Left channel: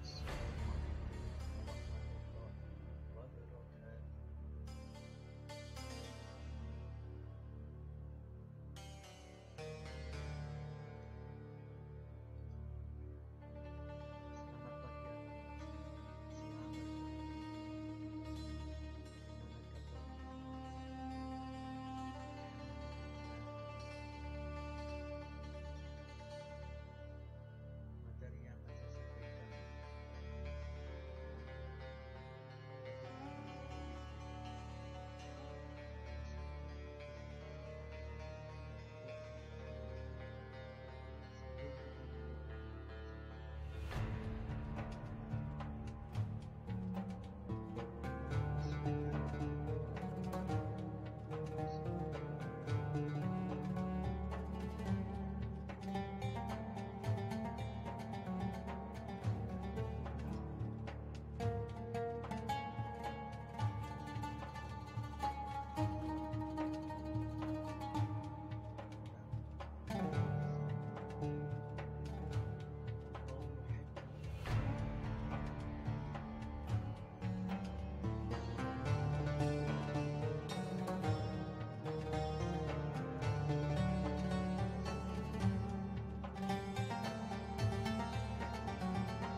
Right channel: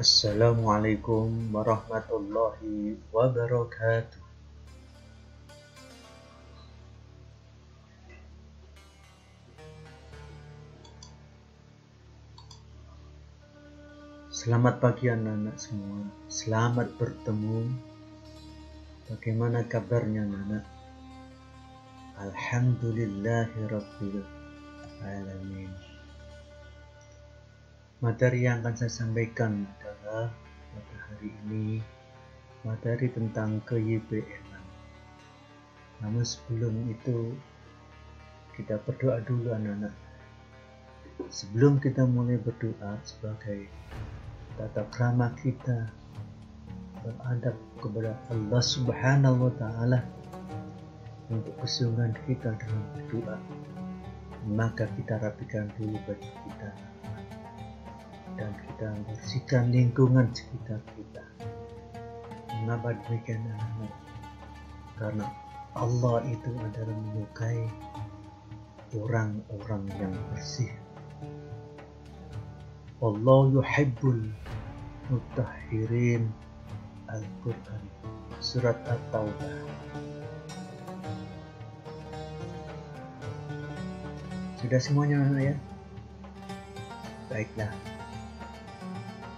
Assalamualaikum warahmatullahi wabarakatuh. Selamat pagi anak-anak semua. Selamat bertemu. Bagaimana kabarnya anak-anak? Alhamdulillahirabbil alamin. Materi yang akan saya sampaikan adalah pada hari ini materi tentang ke-YPN. Namun sebelum itu kita berdoa dulu anak-anak. Sebelum kita mulai berdoa sebagai tata krama kita beradab kepada Allah Subhanahu wa Ta'ala untuk kesungguhan kita dalam berdoa, maka kita rapikan dulu baju kita dan kita bersihkan lingkungan sekitar kita. Mengapa demikian anak-anak? Karena Allah itu adalah menyukai orang-orang yang bersih. Allah yuhibbul mutahhirin. Al-Quran surat At-Taubah. Sudah semuanya anak ya? Baiklah,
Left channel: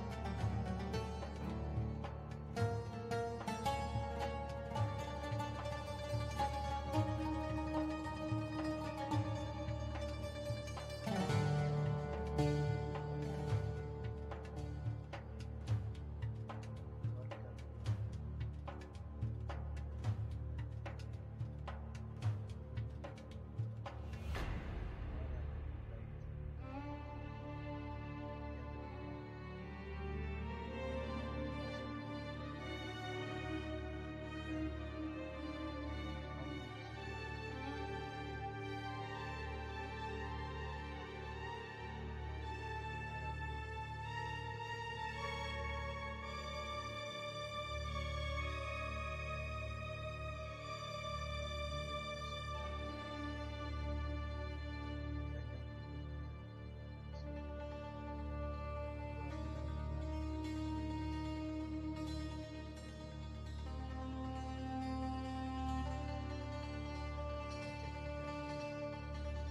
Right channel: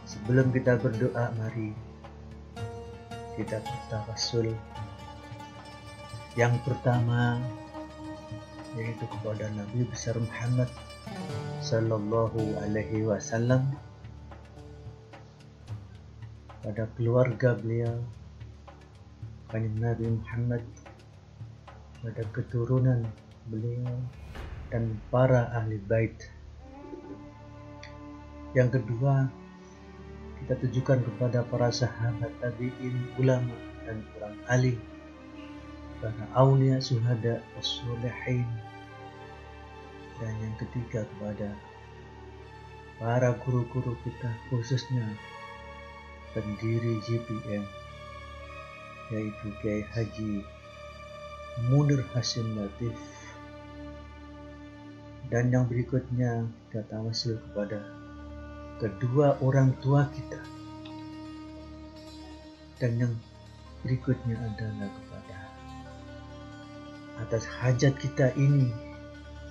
sebelum kita berdoa, mari kita bertawassul. Yang pertama yaitu kepada Nabi besar Muhammad Sallallahu Alaihi Wasallam, pada keluarga beliau, Kanjeng Nabi Muhammad, pada keturunan beliau dan para ahli bait. Yang kedua, kita tujukan kepada para sahabat, tabi'in, ulama dan orang alim, para aulia, syuhada, wassolihin. Dan yang ketiga kepada para guru-guru kita, khususnya pendiri JPM, yaitu Kiai Haji Munir Hasyim Latif. Dan yang berikutnya kita tawassul kepada kedua orang tua kita. Dan yang berikutnya adalah kepada atas hajat kita ini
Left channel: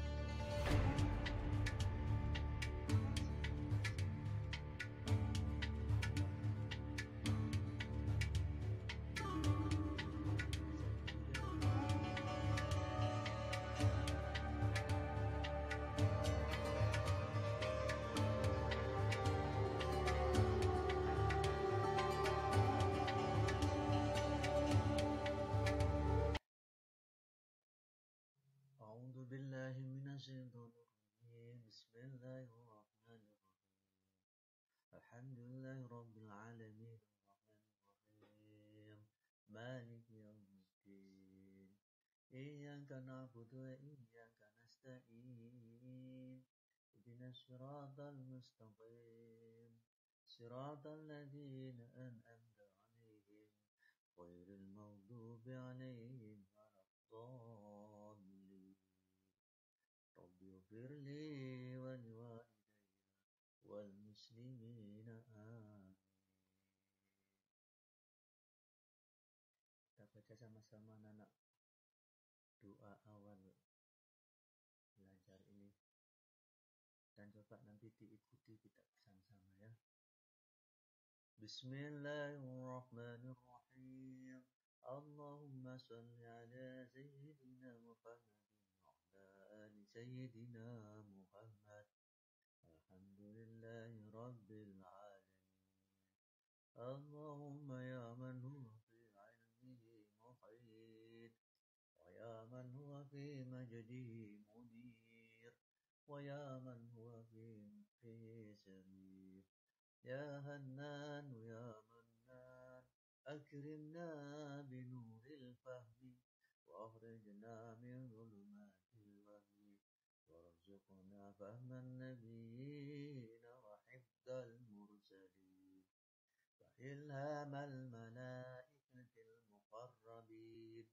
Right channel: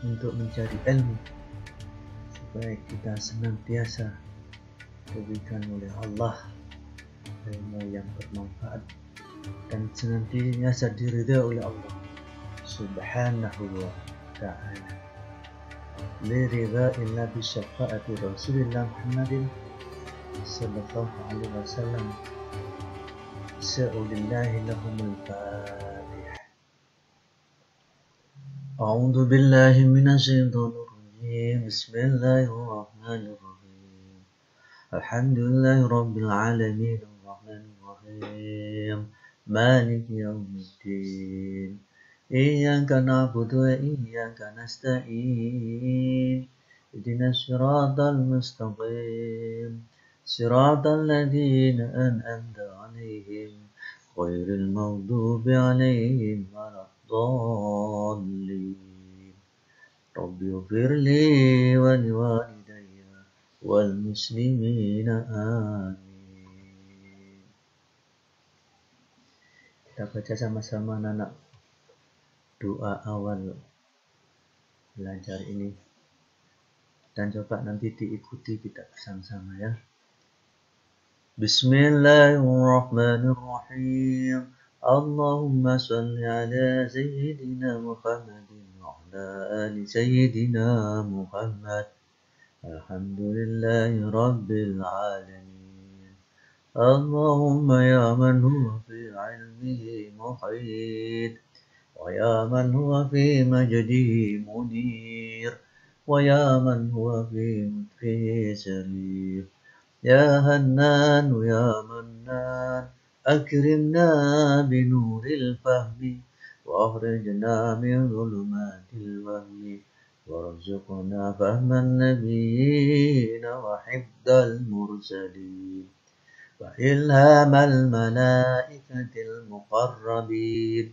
untuk mencari ilmu, supaya kita senantiasa diberikan oleh Allah ilmu yang bermanfaat dan senantiasa diridai oleh Allah Subhanahu wa Ta'ala. Liridai Nabi syafaati Rasulullah Muhammadin sallallahu alaihi wasallam. Sa'ulillahi lahumul Fatihah. A'udzu billahi minasyaitonir rajim. Bismillahirrahmanirrahim. Alhamdulillahi rabbil alamin. مالك يوم الدين إياك نعبد وإياك نستعين اهدنا الصراط المستقيم صراط الذين أنعمت عليهم غير المغضوب عليهم ولا الضالين رب اغفر لي ولوالدي والمسلمين آمين. Kita baca sama-sama anak doa awal belajar ini, dan coba nanti diikuti kita bersama-sama ya. Bismillahirrahmanirrahim. Allahumma salli ala Sayyidina Muhammadin wa ala ali Sayyidina Muhammad. Alhamdulillahi Rabbil alamin. Allahumma ya man huwa fi ilmihi muhit, wa ya man huwa fi majdihi munir, wa ya man huwa fi mutfihi sarif. Ya Hannan ya Mannan, akrimna binuril fahmi, wa akhrijna min dhulumatil wahmi, warzuqna fahman nabiyyin wa hifdal mursalin, وإلهام الملائكة المقربين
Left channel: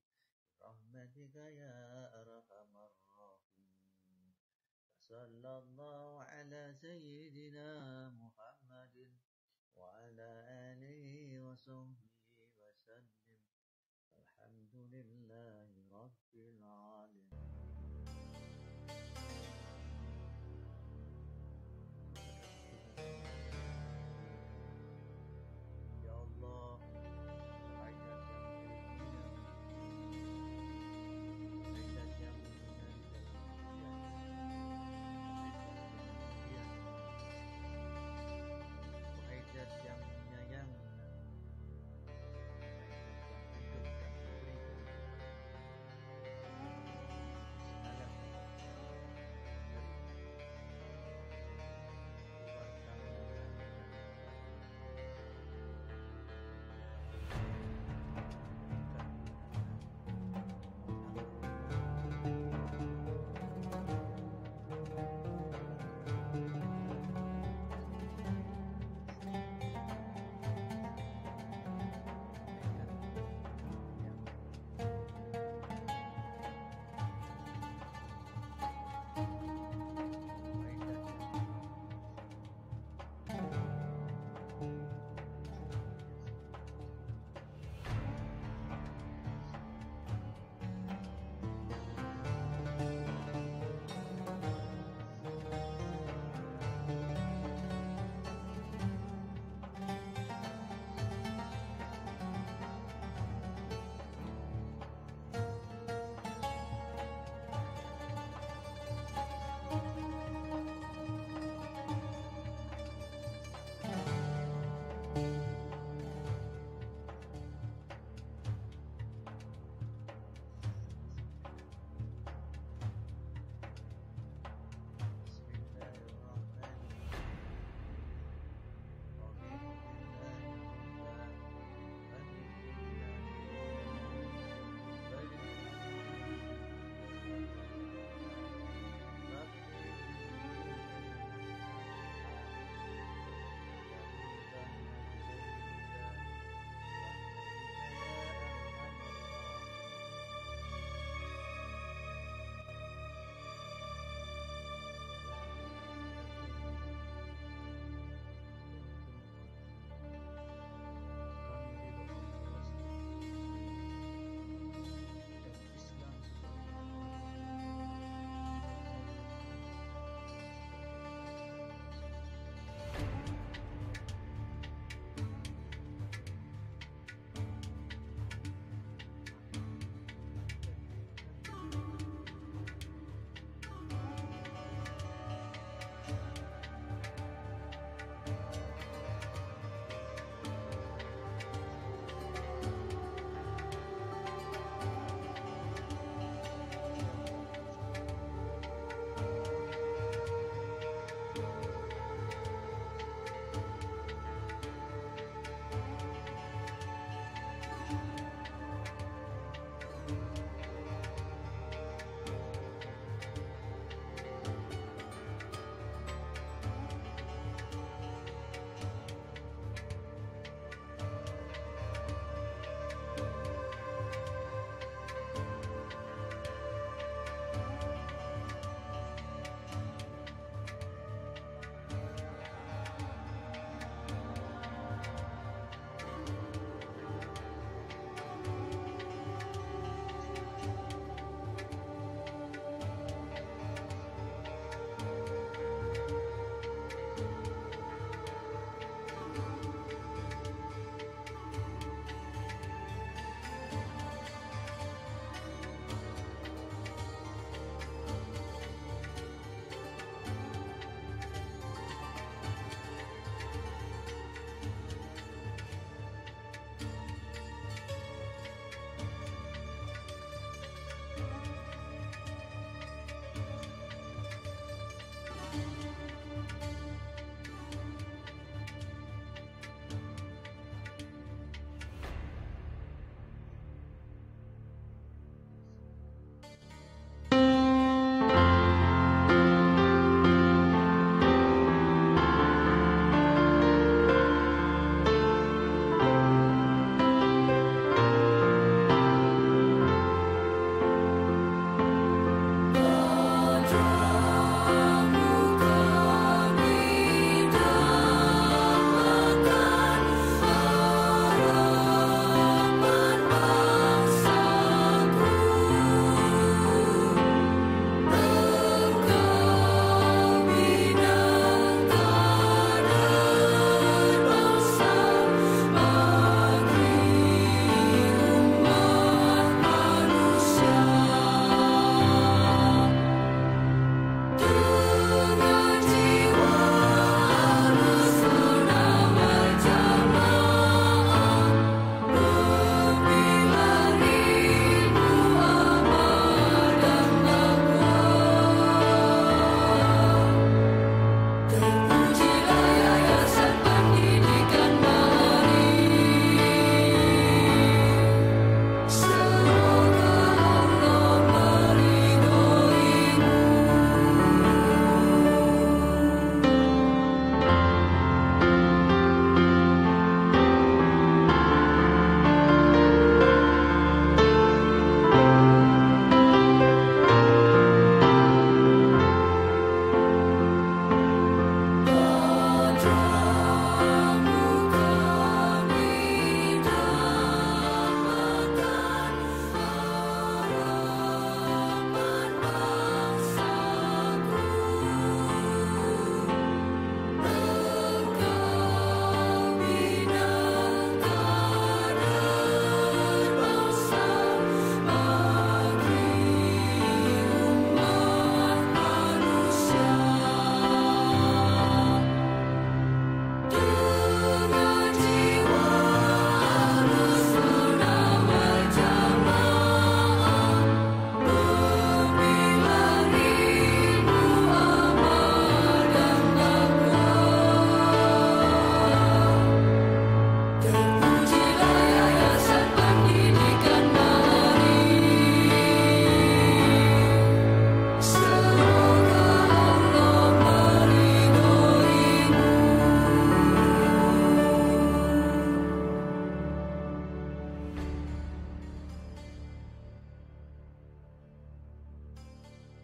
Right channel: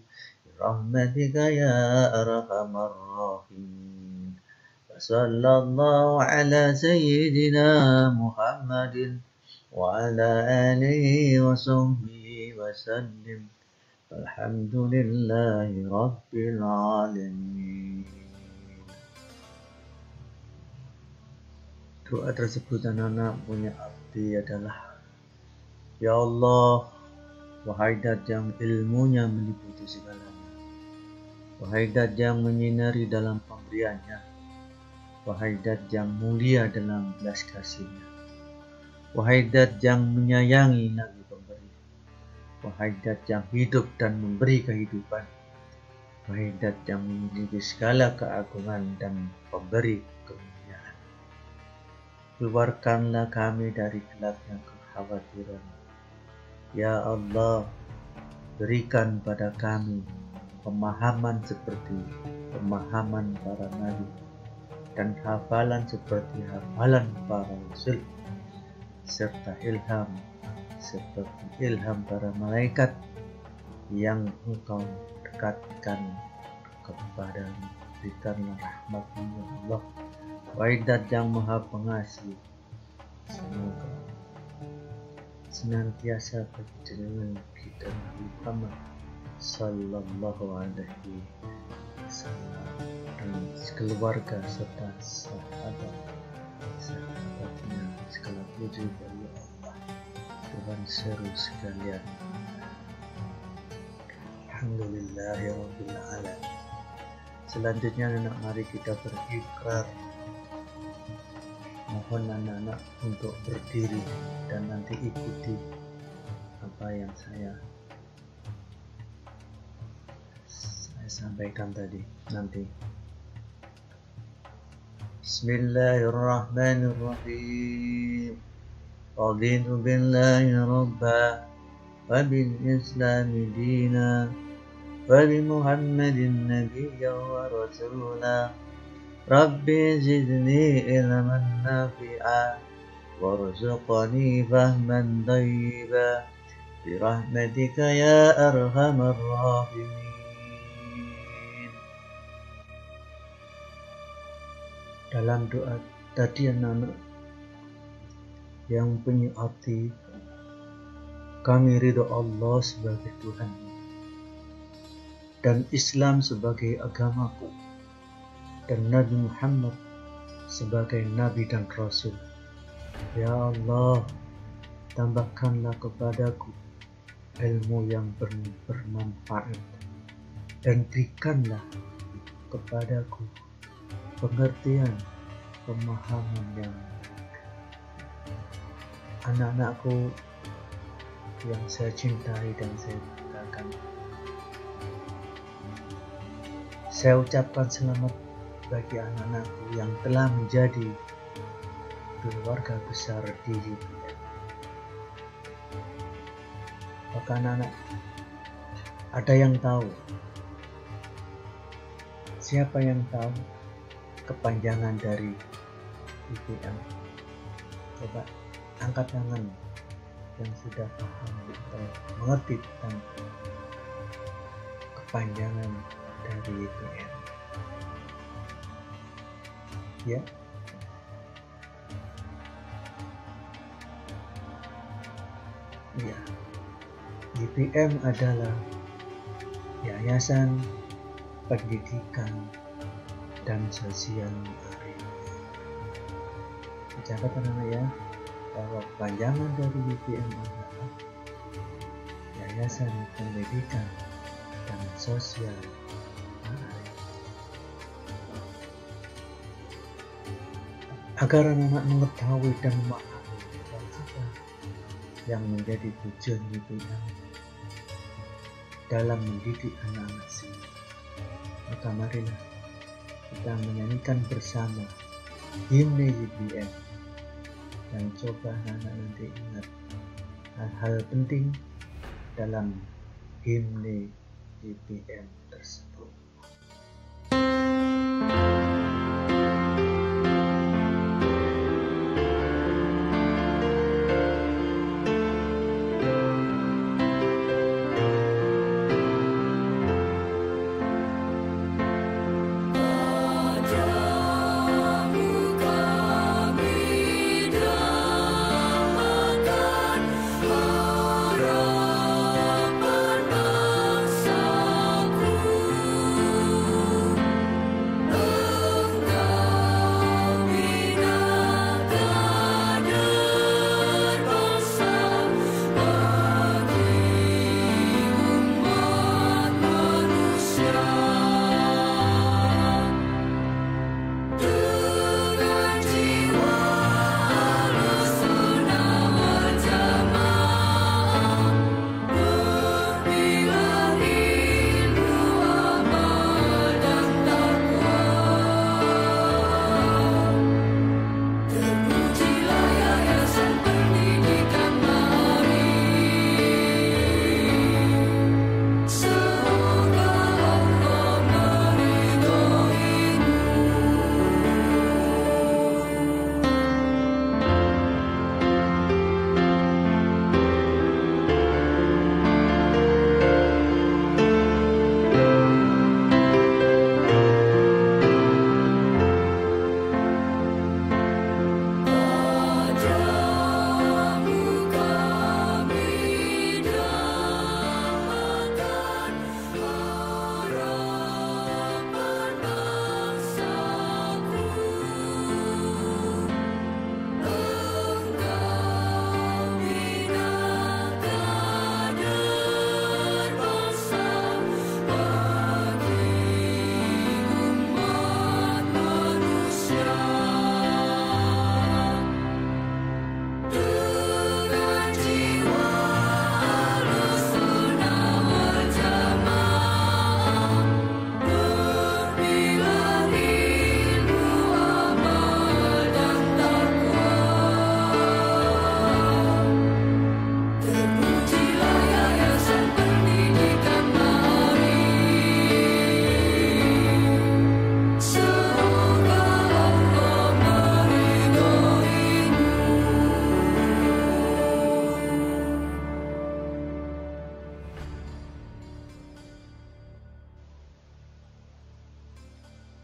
برحمتك يا أرحم الراحمين. وصلى الله على سيدنا محمد وعلى آله وصحبه وسلم. الحمد لله رب العالمين. Doa tersebut anak-anak punya arti adalah, Ya Allah, wahai Dat yang ilmunya meliputi segalanya, wahai Dat yang menyinari dalam pemberiannya, wahai Dat yang mulia dalam belas kasihnya, wahai Dat yang menyayangi Nabi pemberi, wahai Dat yang hidup dan memberi kehidupan, wahai Dat yang memiliki segala keagungan dan pemberi kemuliaan. Keluarkanlah kami dari gelapnya kekhawatiran. Ya Allah, berikan pada kami pemahaman seperti pemahaman para nabi dan hafalan seperti hafalan para rasul, serta ilham seperti ilham para malaikat yang Engkau dekatkan kepadamu. Berikanlah rahmat-Mu ya Allah, wahai Dat yang Maha Pengasih. Semoga senantiasa berjalan kita Muhammad sallallahu alaihi wasallam dan keluarga serta sahabat-sahabatnya segala puji bagi Allah Tuhan seru sekalian. Alhamdulillahirabbil alamin. Selanjutnya anak, mari kita berikrar. Mohon anak-anak untuk berdiri dan nanti ikuti apa yang saya sampaikan tadi nanti. Bismillahirrahmanirrahim. Raditu billahi rabba wa bil islami dina wa bi Muhammadin nabiyya wa rasula. Rabbi zidni ilman nafi'a warzuqni fahman thayyiba birahmatika ya arhamar rahimin. Dalam doa tadi anak-anak yang punya arti, kami ridho Allah sebagai Tuhan dan Islam sebagai agamaku dan Nabi Muhammad sebagai Nabi dan Rasul. Ya Allah, tambahkanlah kepadaku ilmu yang bermanfaat dan berikanlah kepadaku pengertian, pemahaman yang anak-anakku yang saya cintai dan saya banggakan. Saya ucapkan selamat bagi anak-anakku yang telah menjadi keluarga besar di UPN. Maka anak-anak, ada yang tahu? Siapa yang tahu kepanjangan dari UPN? Coba angkat tangan yang sudah mengerti tentang kepanjangan dari UPN. Ya, YPM adalah Yayasan Pendidikan dan Sosial Arif. Catat anak ya, bahwa panjangan dari YPM adalah Yayasan Pendidikan dan Sosial Arif. Agar anak-anak mengetahui dan memahami yang menjadi tujuan YPM dalam mendidik anak-anak sini, maka marilah kita menyanyikan bersama himne YPM dan coba anak-anak nanti ingat hal-hal penting dalam himne YPM tersebut.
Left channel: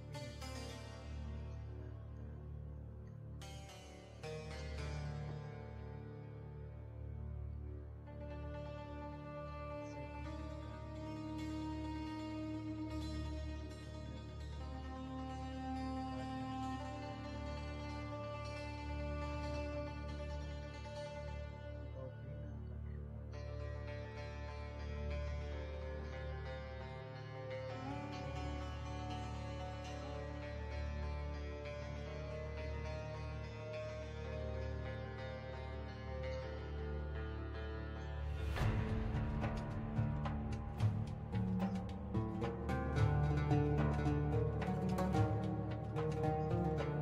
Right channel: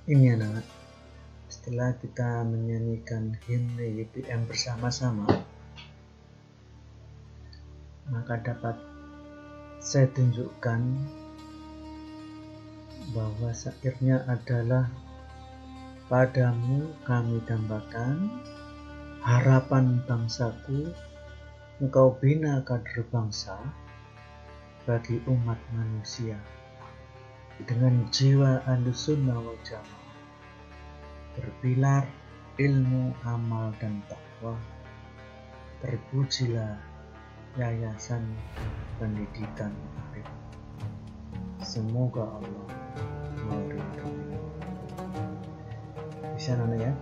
Ini anak, setelah kita menyanyikan himne YPM bersama-sama, maka dapat saya tunjukkan bahwa syairnya adalah padamu kami dambakan harapan bangsaku, engkau bina kader bangsa bagi umat manusia dengan jiwa ahlussunnah wal jamaah, berpilar ilmu, amal dan takwa. Terpujilah Yayasan Pendidikan Arif. Semoga Allah meridhai. Bisa ya,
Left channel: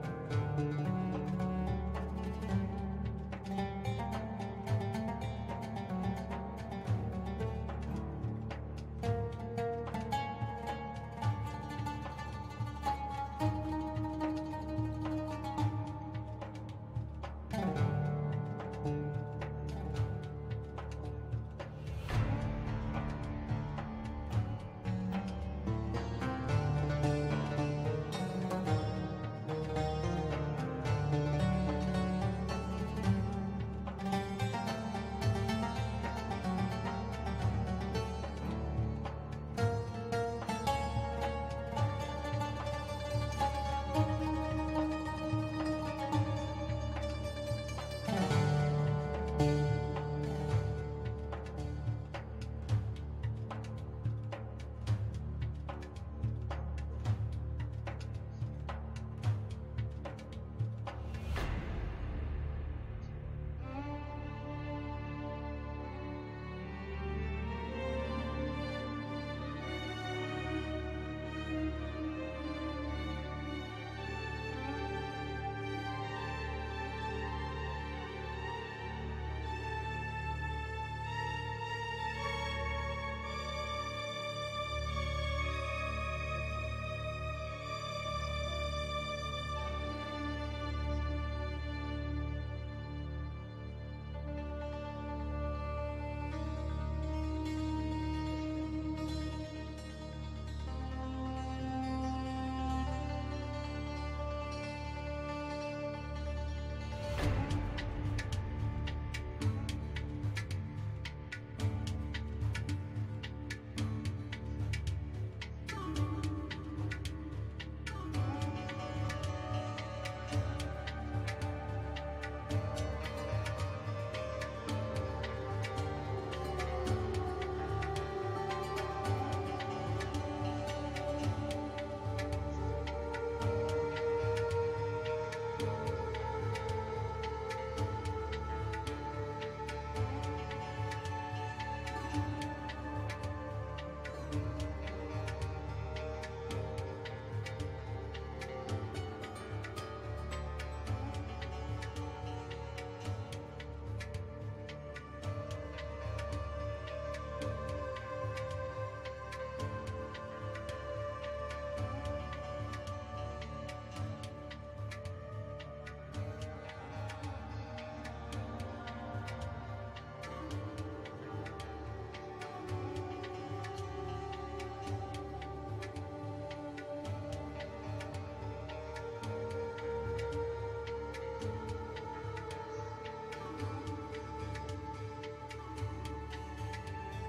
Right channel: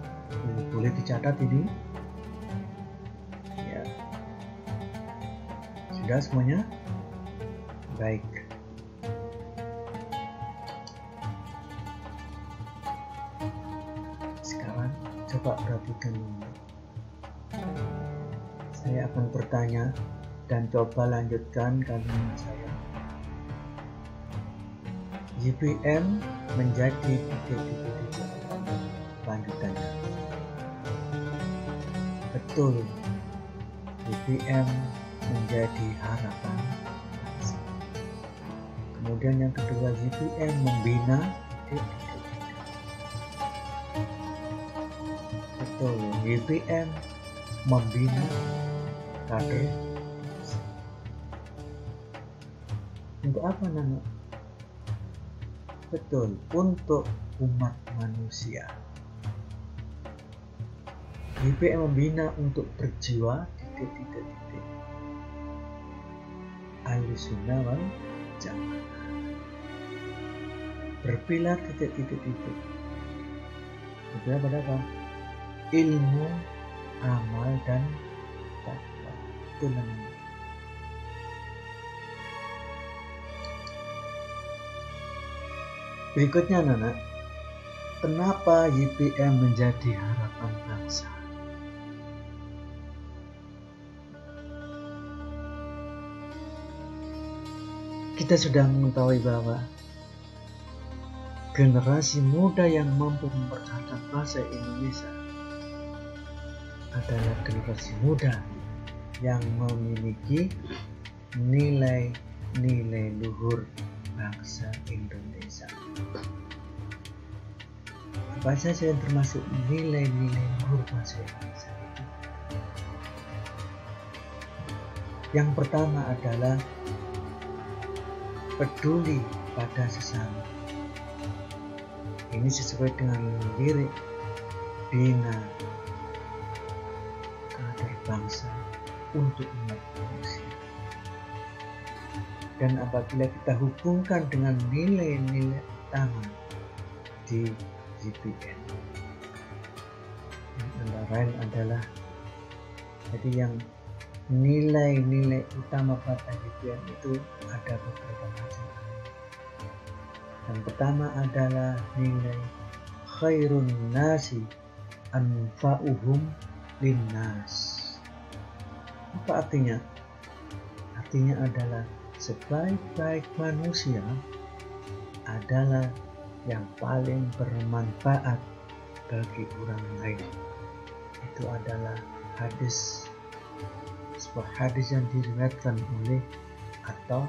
boleh dicatat ini ya. Sudah semuanya? Baik. Sekarang coba perhatikan ini. Saya akan bertanya dan coba lanjutkan kalimat saya. YPM menjadi lanjutannya. Betul, YPM menjadi harapan. Kemudian yang kedua, YPM membina. Betul, YPM membina kader. Untuk apa nama? Betul, untuk umat manusia. YPM membina untuk berjiwa Ahlussunnah wal Jamaah, berpilar berpilar pada apa? Ilmu, amal dan takwa. Itu namanya. Berikutnya anak-anak, kenapa YPM menjadi harapan bangsa? Kita sudah mengetahui bahwa generasi muda yang mampu mempertahankan bangsa Indonesia adalah generasi muda yang memiliki nilai-nilai luhur bangsa Indonesia. Apa saja yang termasuk nilai-nilai luhur bangsa Indonesia? Yang pertama adalah peduli pada sesama. Ini sesuai dengan lirik bina kader bangsa untuk umat manusia. Dan apabila kita hubungkan dengan nilai-nilai utama di YPM, yang antara lain adalah jadi yang nilai-nilai utama pada YPM itu ada beberapa macam. Yang pertama adalah nilai khairun nasi anfa'uhum linnas. Apa artinya? Artinya adalah sebaik-baik manusia adalah yang paling bermanfaat bagi orang lain. Itu adalah sebuah hadis yang diriwayatkan oleh atau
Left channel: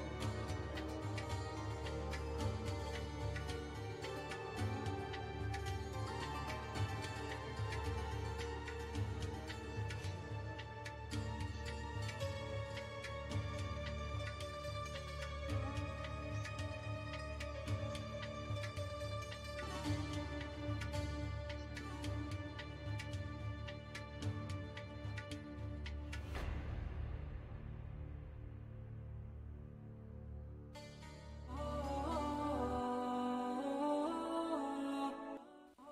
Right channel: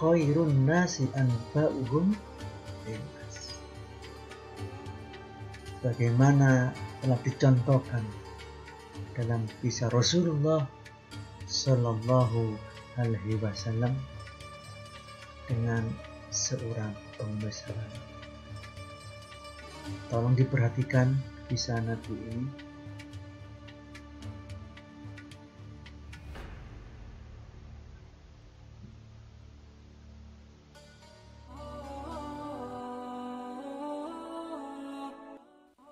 khairun nasi anfa'uhum linnas. Bagaimana telah dicontohkan dalam kisah Rasulullah Sallallahu Alaihi Wasallam dengan seorang pembesar. Tolong diperhatikan kisah Nabi ini.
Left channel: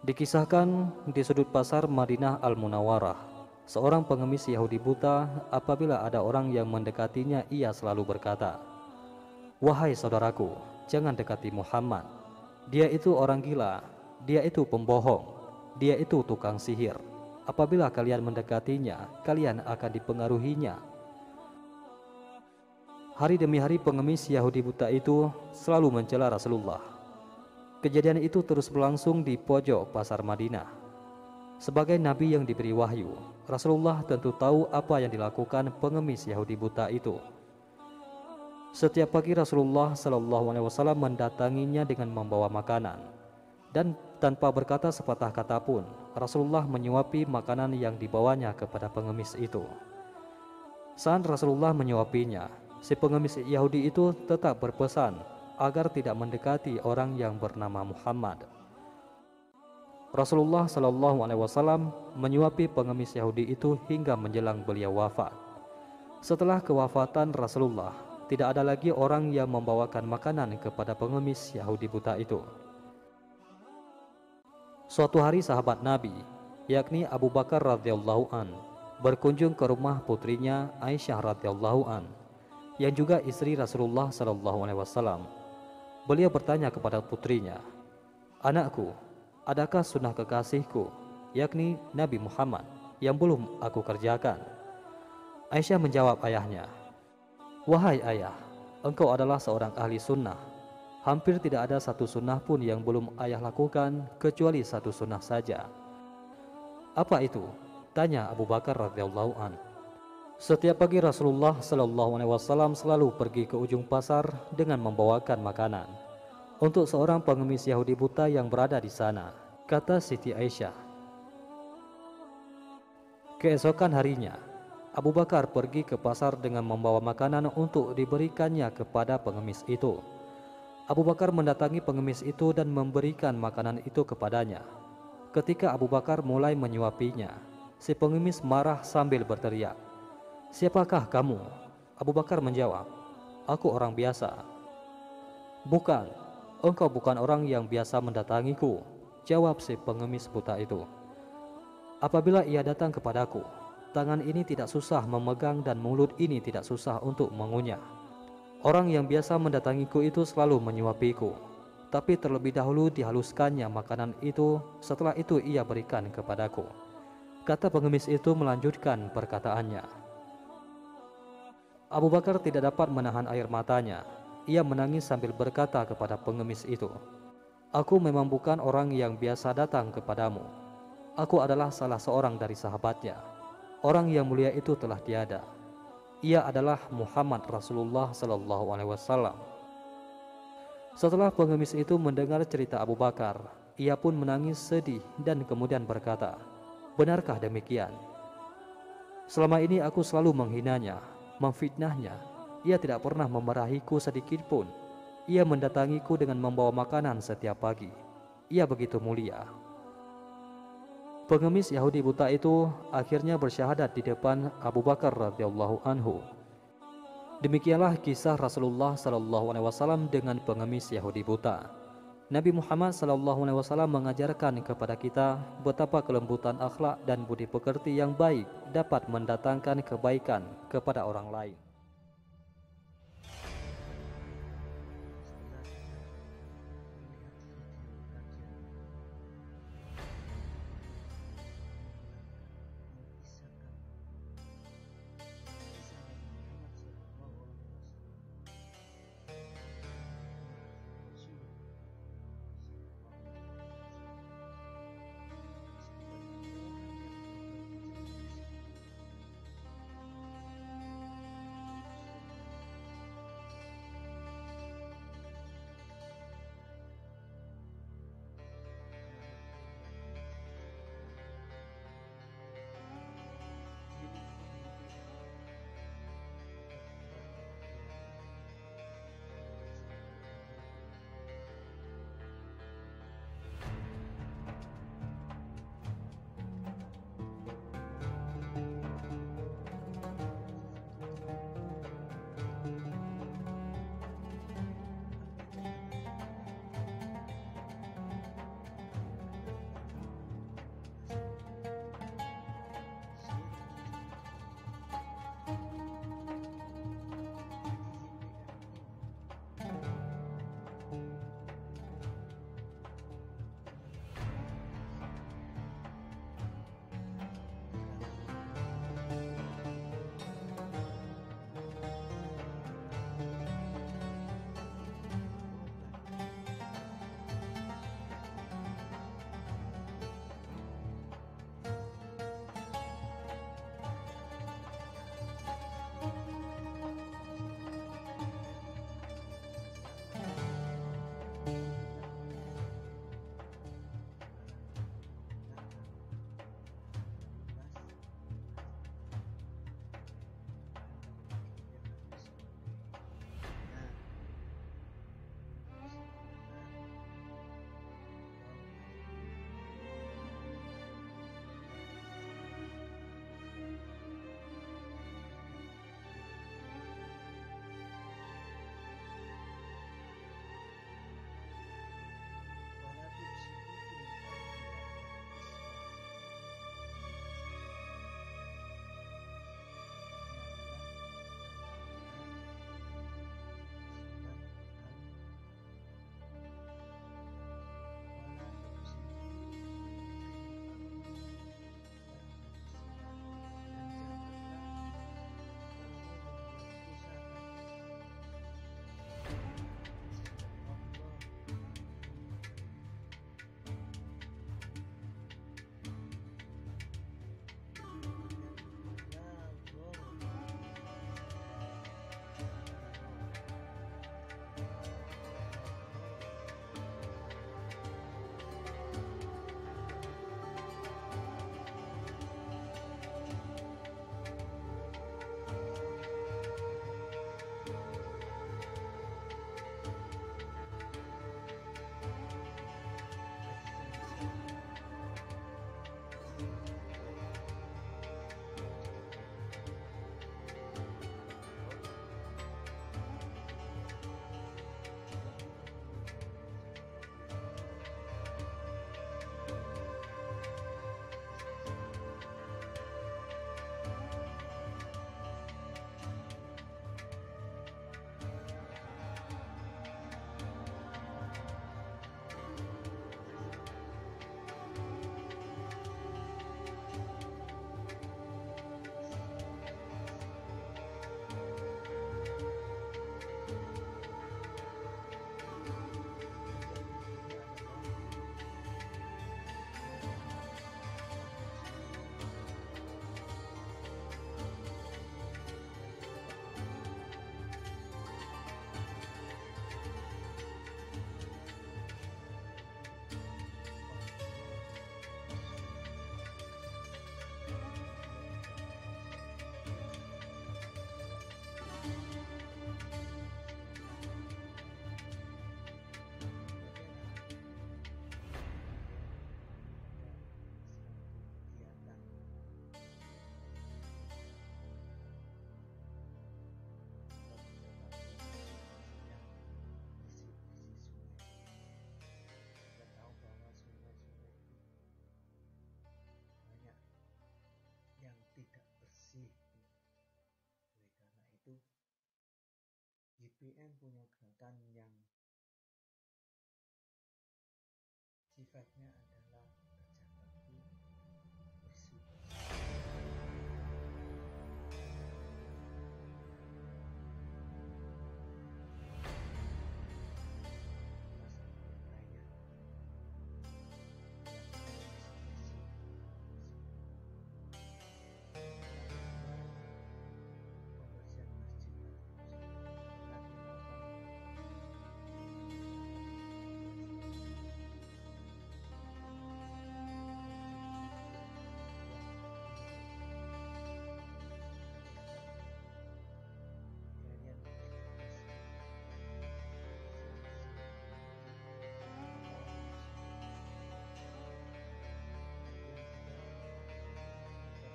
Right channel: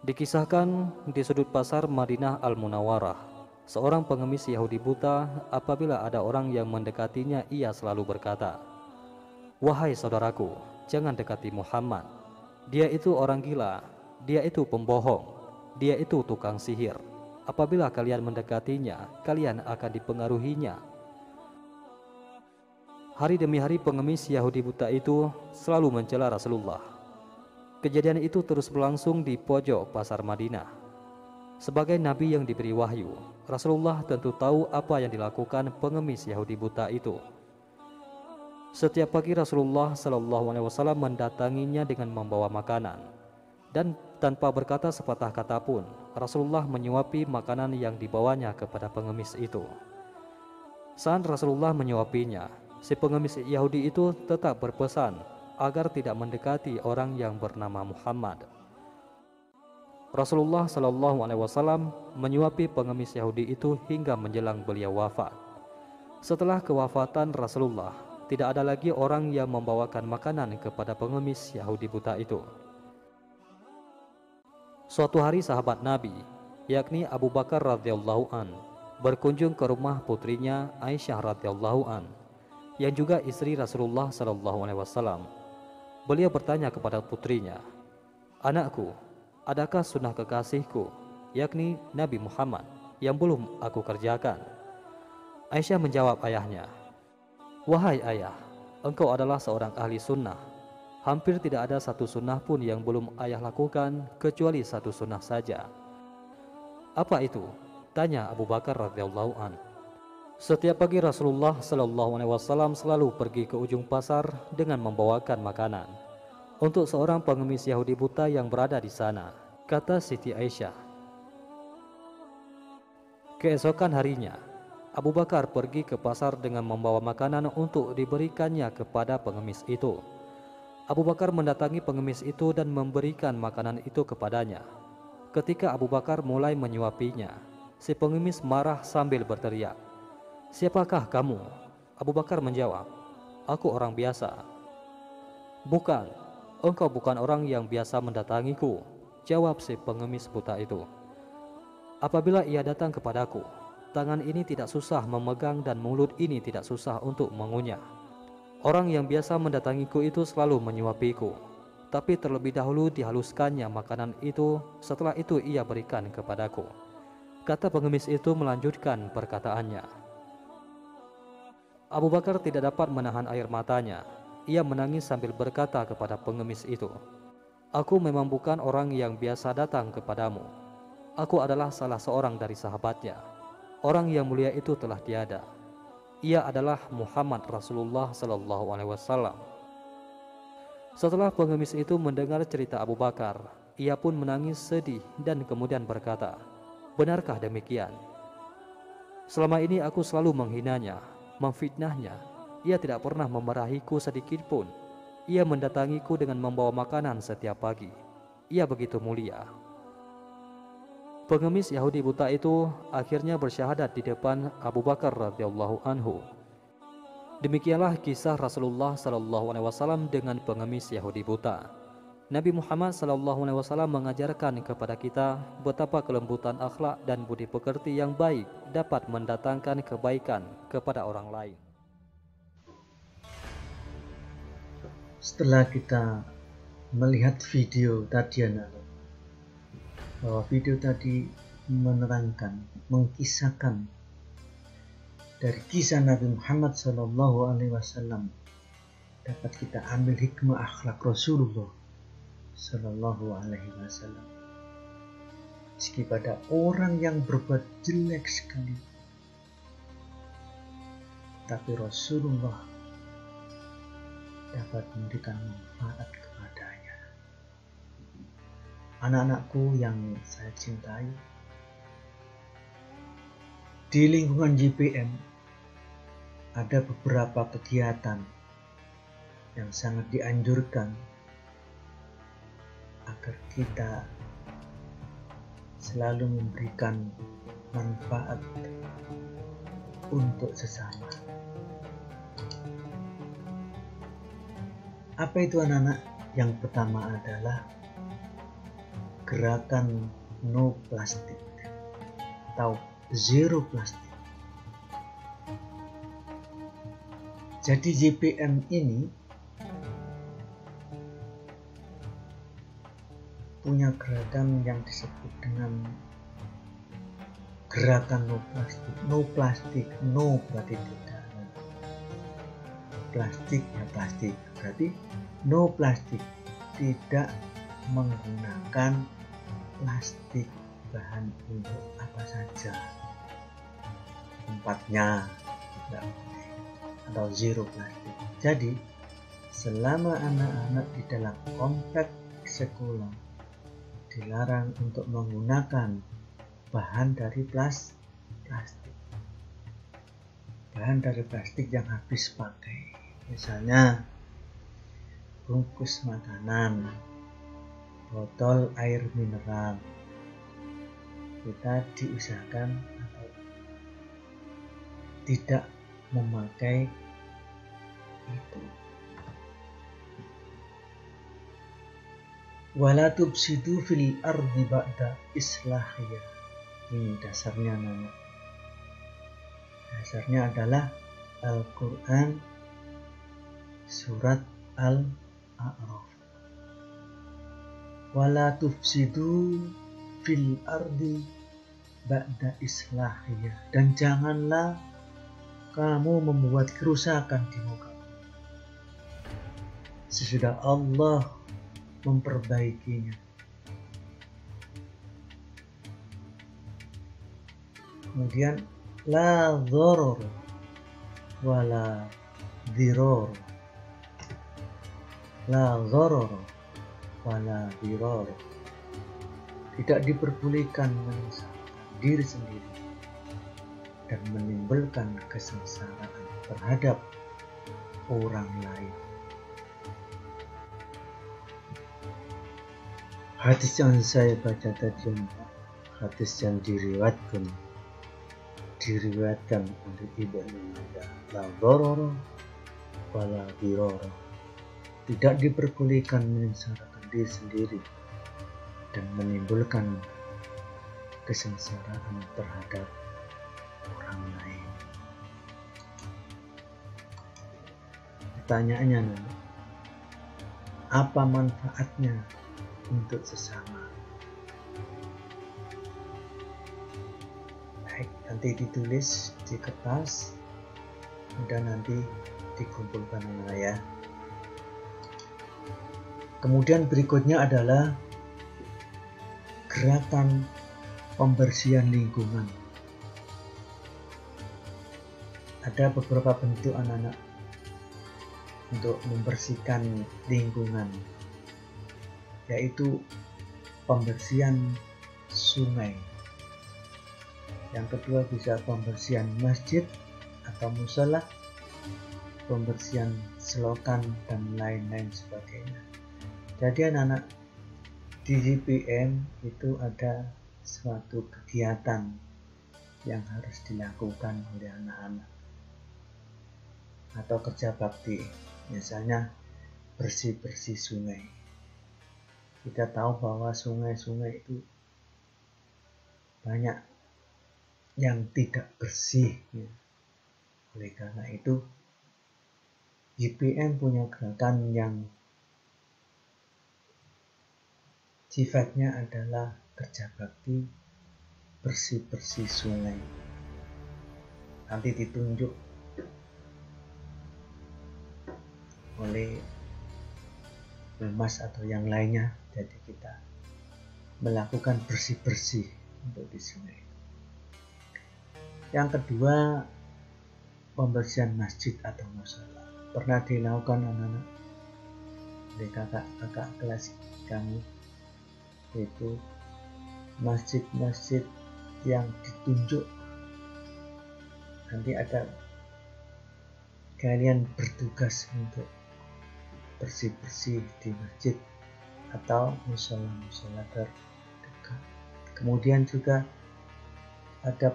Dikisahkan di sudut pasar Madinah Al-Munawwarah, seorang pengemis Yahudi buta, apabila ada orang yang mendekatinya, ia selalu berkata, "Wahai saudaraku, jangan dekati Muhammad. Dia itu orang gila, dia itu pembohong, dia itu tukang sihir. Apabila kalian mendekatinya, kalian akan dipengaruhinya." Hari demi hari pengemis Yahudi buta itu selalu mencela Rasulullah. Kejadian itu terus berlangsung di pojok pasar Madinah. Sebagai nabi yang diberi wahyu, Rasulullah tentu tahu apa yang dilakukan pengemis Yahudi buta itu. Setiap pagi Rasulullah Shallallahu Alaihi Wasallam mendatanginya dengan membawa makanan, dan tanpa berkata sepatah kata pun, Rasulullah menyuapi makanan yang dibawanya kepada pengemis itu. Saat Rasulullah menyuapinya, si pengemis Yahudi itu tetap berpesan agar tidak mendekati orang yang bernama Muhammad. Rasulullah Shallallahu Alaihi Wasallam menyuapi pengemis Yahudi itu hingga menjelang beliau wafat. Setelah kewafatan Rasulullah, tidak ada lagi orang yang membawakan makanan kepada pengemis Yahudi buta itu. Suatu hari sahabat Nabi, yakni Abu Bakar radhiyallahu an, berkunjung ke rumah putrinya Aisyah radhiyallahu an, yang juga istri Rasulullah Shallallahu Alaihi Wasallam. Beliau bertanya kepada putrinya, "Anakku, adakah sunnah kekasihku, yakni Nabi Muhammad, yang belum aku kerjakan?" Aisyah menjawab ayahnya, "Wahai ayah, engkau adalah seorang ahli sunnah. Hampir tidak ada satu sunnah pun yang belum ayah lakukan kecuali satu sunnah saja." "Apa itu?" tanya Abu Bakar radhiyallahu an. Setiap pagi Rasulullah Shallallahu Alaihi Wasallam selalu pergi ke ujung pasar dengan membawakan makanan untuk seorang pengemis Yahudi buta yang berada di sana, kata Siti Aisyah. Keesokan harinya, Abu Bakar pergi ke pasar dengan membawa makanan untuk diberikannya kepada pengemis itu. Abu Bakar mendatangi pengemis itu dan memberikan makanan itu kepadanya. Ketika Abu Bakar mulai menyuapinya, si pengemis marah sambil berteriak, "Siapakah kamu?" Abu Bakar menjawab, "Aku orang biasa." "Bukan, engkau bukan orang yang biasa mendatangiku," jawab si pengemis buta itu. "Apabila ia datang kepadaku, tangan ini tidak susah memegang dan mulut ini tidak susah untuk mengunyah. Orang yang biasa mendatangiku itu selalu menyuapiku, tapi terlebih dahulu dihaluskannya makanan itu, setelah itu ia berikan kepadaku," kata pengemis itu melanjutkan perkataannya. Abu Bakar tidak dapat menahan air matanya. Ia menangis sambil berkata kepada pengemis itu, "Aku memang bukan orang yang biasa datang kepadamu. Aku adalah salah seorang dari sahabatnya. Orang yang mulia itu telah tiada. Ia adalah Muhammad Rasulullah Sallallahu Alaihi Wasallam." Setelah pengemis itu mendengar cerita Abu Bakar, ia pun menangis sedih dan kemudian berkata, "Benarkah demikian? Selama ini aku selalu menghinanya, memfitnahnya. Ia tidak pernah memarahiku sedikit pun. Ia mendatangiku dengan membawa makanan setiap pagi. Ia begitu mulia." Pengemis Yahudi buta itu akhirnya bersyahadat di depan Abu Bakar radhiyallahu anhu. Demikianlah kisah Rasulullah Sallallahu Alaihi Wasallam dengan pengemis Yahudi buta. Nabi Muhammad Sallallahu Alaihi Wasallam mengajarkan kepada kita betapa kelembutan akhlak dan budi pekerti yang baik dapat mendatangkan kebaikan kepada orang lain. Setelah kita melihat video tadi, anak-anak, bahwa video tadi menerangkan, mengkisahkan dari kisah Nabi Muhammad Sallallahu Alaihi Wasallam, dapat kita ambil hikmah akhlak Rasulullah Sallallahu Alaihi Wasallam. Meski pada orang yang berbuat jelek sekali, tapi Rasulullah dapat memberikan manfaat kepadanya. Anak-anakku yang saya cintai, di lingkungan JPM ada beberapa kegiatan yang sangat dianjurkan agar kita selalu memberikan manfaat untuk sesama. Apa itu, anak-anak? Yang pertama adalah gerakan no plastik atau zero plastik. Jadi JPM ini punya gerakan yang disebut dengan gerakan no plastik. No plastik, no berarti tidak. Plastik ya plastik, berarti no plastik, tidak menggunakan plastik bahan untuk apa saja, tempatnya tidak boleh, atau zero plastik. Jadi selama anak-anak di dalam komplek sekolah dilarang untuk menggunakan bahan dari plastik, bahan dari plastik yang habis pakai, misalnya bungkus makanan, botol air mineral, kita diusahakan atau tidak memakai itu. Wala tufsidu fil ardi ba'da islahiyah. Ini dasarnya nama. Dasarnya adalah Al-Quran surat Al-A'raf. Wala tufsidu fil ardi ba'da islahiyah. Dan janganlah kamu membuat kerusakan di muka sesudah Allah memperbaikinya. Kemudian la dhoror wala diror, la dhoror wala diror, tidak diperbolehkan menyiksa diri sendiri dan menimbulkan kesengsaraan terhadap orang lain. Hadis yang saya baca tadi, hadis yang diriwayatkan oleh Ibnu Majah, la dharara wala dirara, tidak diperbolehkan menyengsarakan diri sendiri dan menimbulkan kesengsaraan terhadap orang lain. Pertanyaannya, apa manfaatnya untuk sesama? Baik, nanti ditulis di kertas dan nanti dikumpulkan ya. Kemudian berikutnya adalah gerakan pembersihan lingkungan. Ada beberapa bentuk anak-anak untuk membersihkan lingkungan, yaitu pembersihan sungai. Yang kedua bisa pembersihan masjid atau musola, pembersihan selokan dan lain-lain sebagainya. Jadi anak-anak di YPM itu ada suatu kegiatan yang harus dilakukan oleh anak-anak atau kerja bakti, misalnya bersih-bersih sungai. Kita tahu bahwa sungai-sungai itu banyak yang tidak bersih ya. Oleh karena itu YPM punya gerakan yang sifatnya adalah kerja bakti bersih-bersih sungai. Nanti ditunjuk oleh Mas atau yang lainnya. Jadi kita melakukan bersih-bersih untuk di sungai. Yang kedua, pembersihan masjid atau musola. Pernah dilakukan anak-anak oleh kakak kelas kami, yaitu masjid-masjid yang ditunjuk. Nanti ada kalian bertugas untuk bersih-bersih di masjid atau musola-musola terdekat. Kemudian juga ada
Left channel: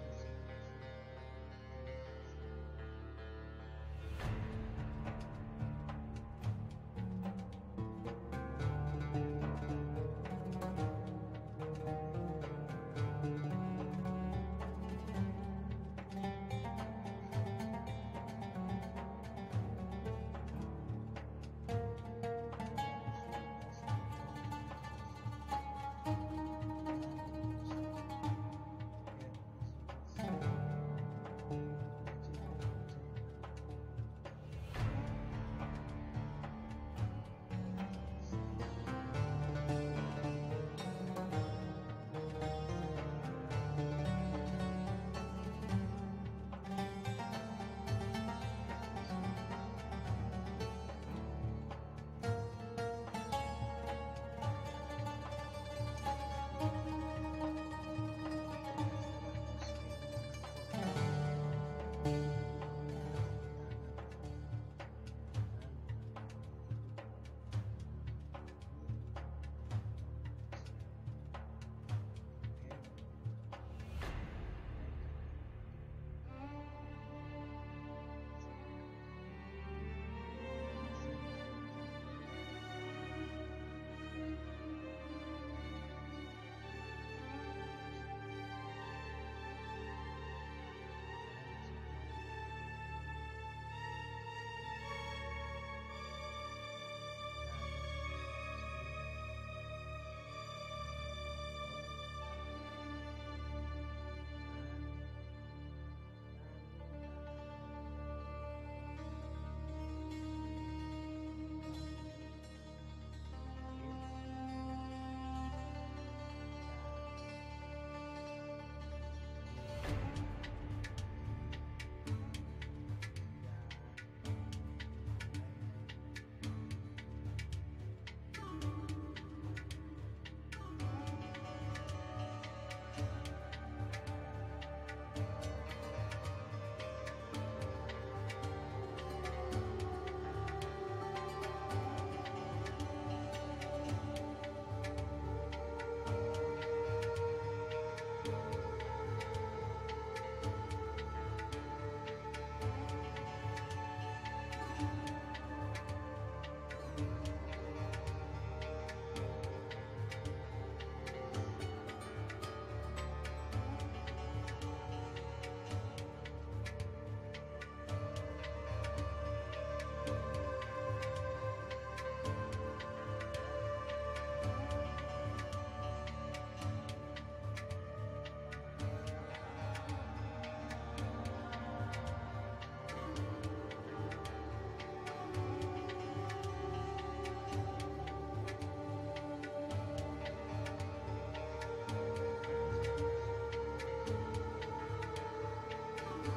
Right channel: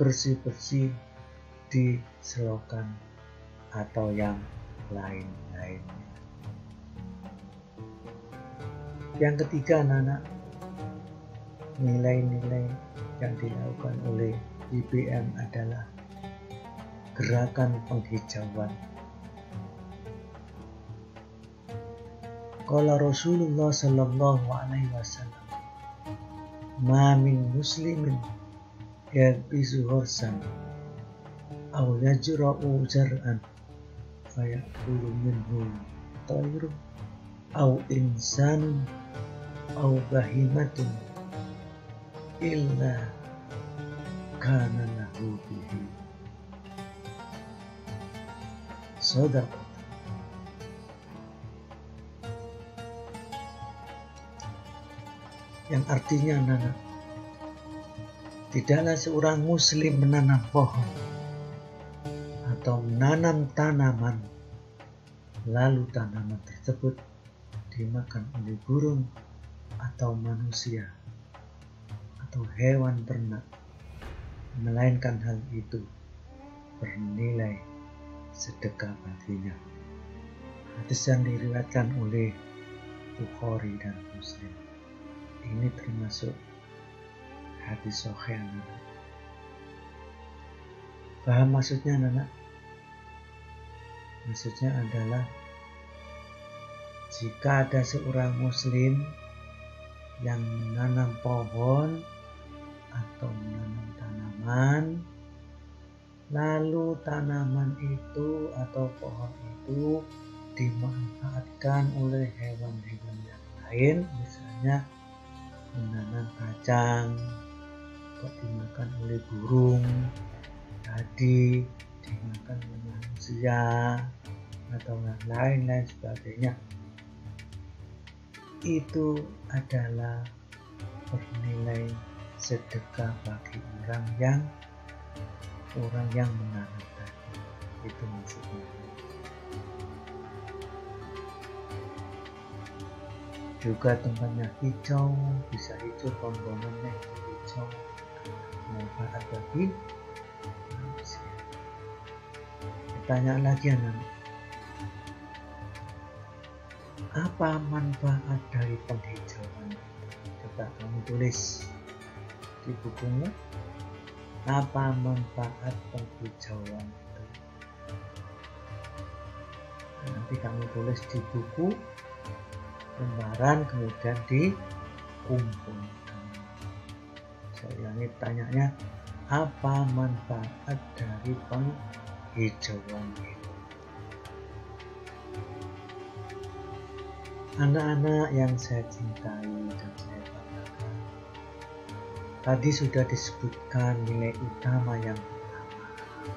bersih-bersih di selokan atau yang lain-lain. Yang ketiga, anak-anak, nilai-nilai yang dilakukan oleh YPM adalah gerakan penghijauan. Qala Rasulullah sallallahu alaihi wasallam, ma min muslimin yalbisu ghursan aw yajra'u zar'an fayakulu minhu tayru aw insanun au bahimatun illa kana lahu bihi shadaqah. Yang artinya adalah tidaklah seorang muslim menanam pohon atau menanam tanaman lalu tanaman tersebut dimakan oleh burung atau manusia atau hewan ternak, melainkan hal itu bernilai sedekah baginya. Hadis yang diriwayatkan oleh Bukhari dan Muslim. Ini termasuk hadis sahih. Paham maksudnya, anak? Maksudnya adalah jika ada seorang muslim yang menanam pohon atau menanam tanaman, lalu tanaman itu atau pohon itu dimanfaatkan oleh hewan-hewan yang lain, misalnya menanam kacang atau dimakan oleh burung, tadi dimakan oleh manusia atau lain-lain sebagainya, itu adalah bernilai sedekah bagi orang yang menanamkan. Itu maksudnya. Juga tempatnya hijau, bisa hijau, bangunannya hijau, manfaat bagi manusia. Tanya lagi anak, apa manfaat dari penghijauan? Coba kamu tulis di bukumu, apa manfaat penghijauan? Nanti kamu tulis di buku lembaran, kemudian dikumpul. Saya ini tanyanya, apa manfaat dari penghijauan itu? Anak-anak yang saya cintai dan saya banggakan, tadi sudah disebutkan nilai utama yang pertama,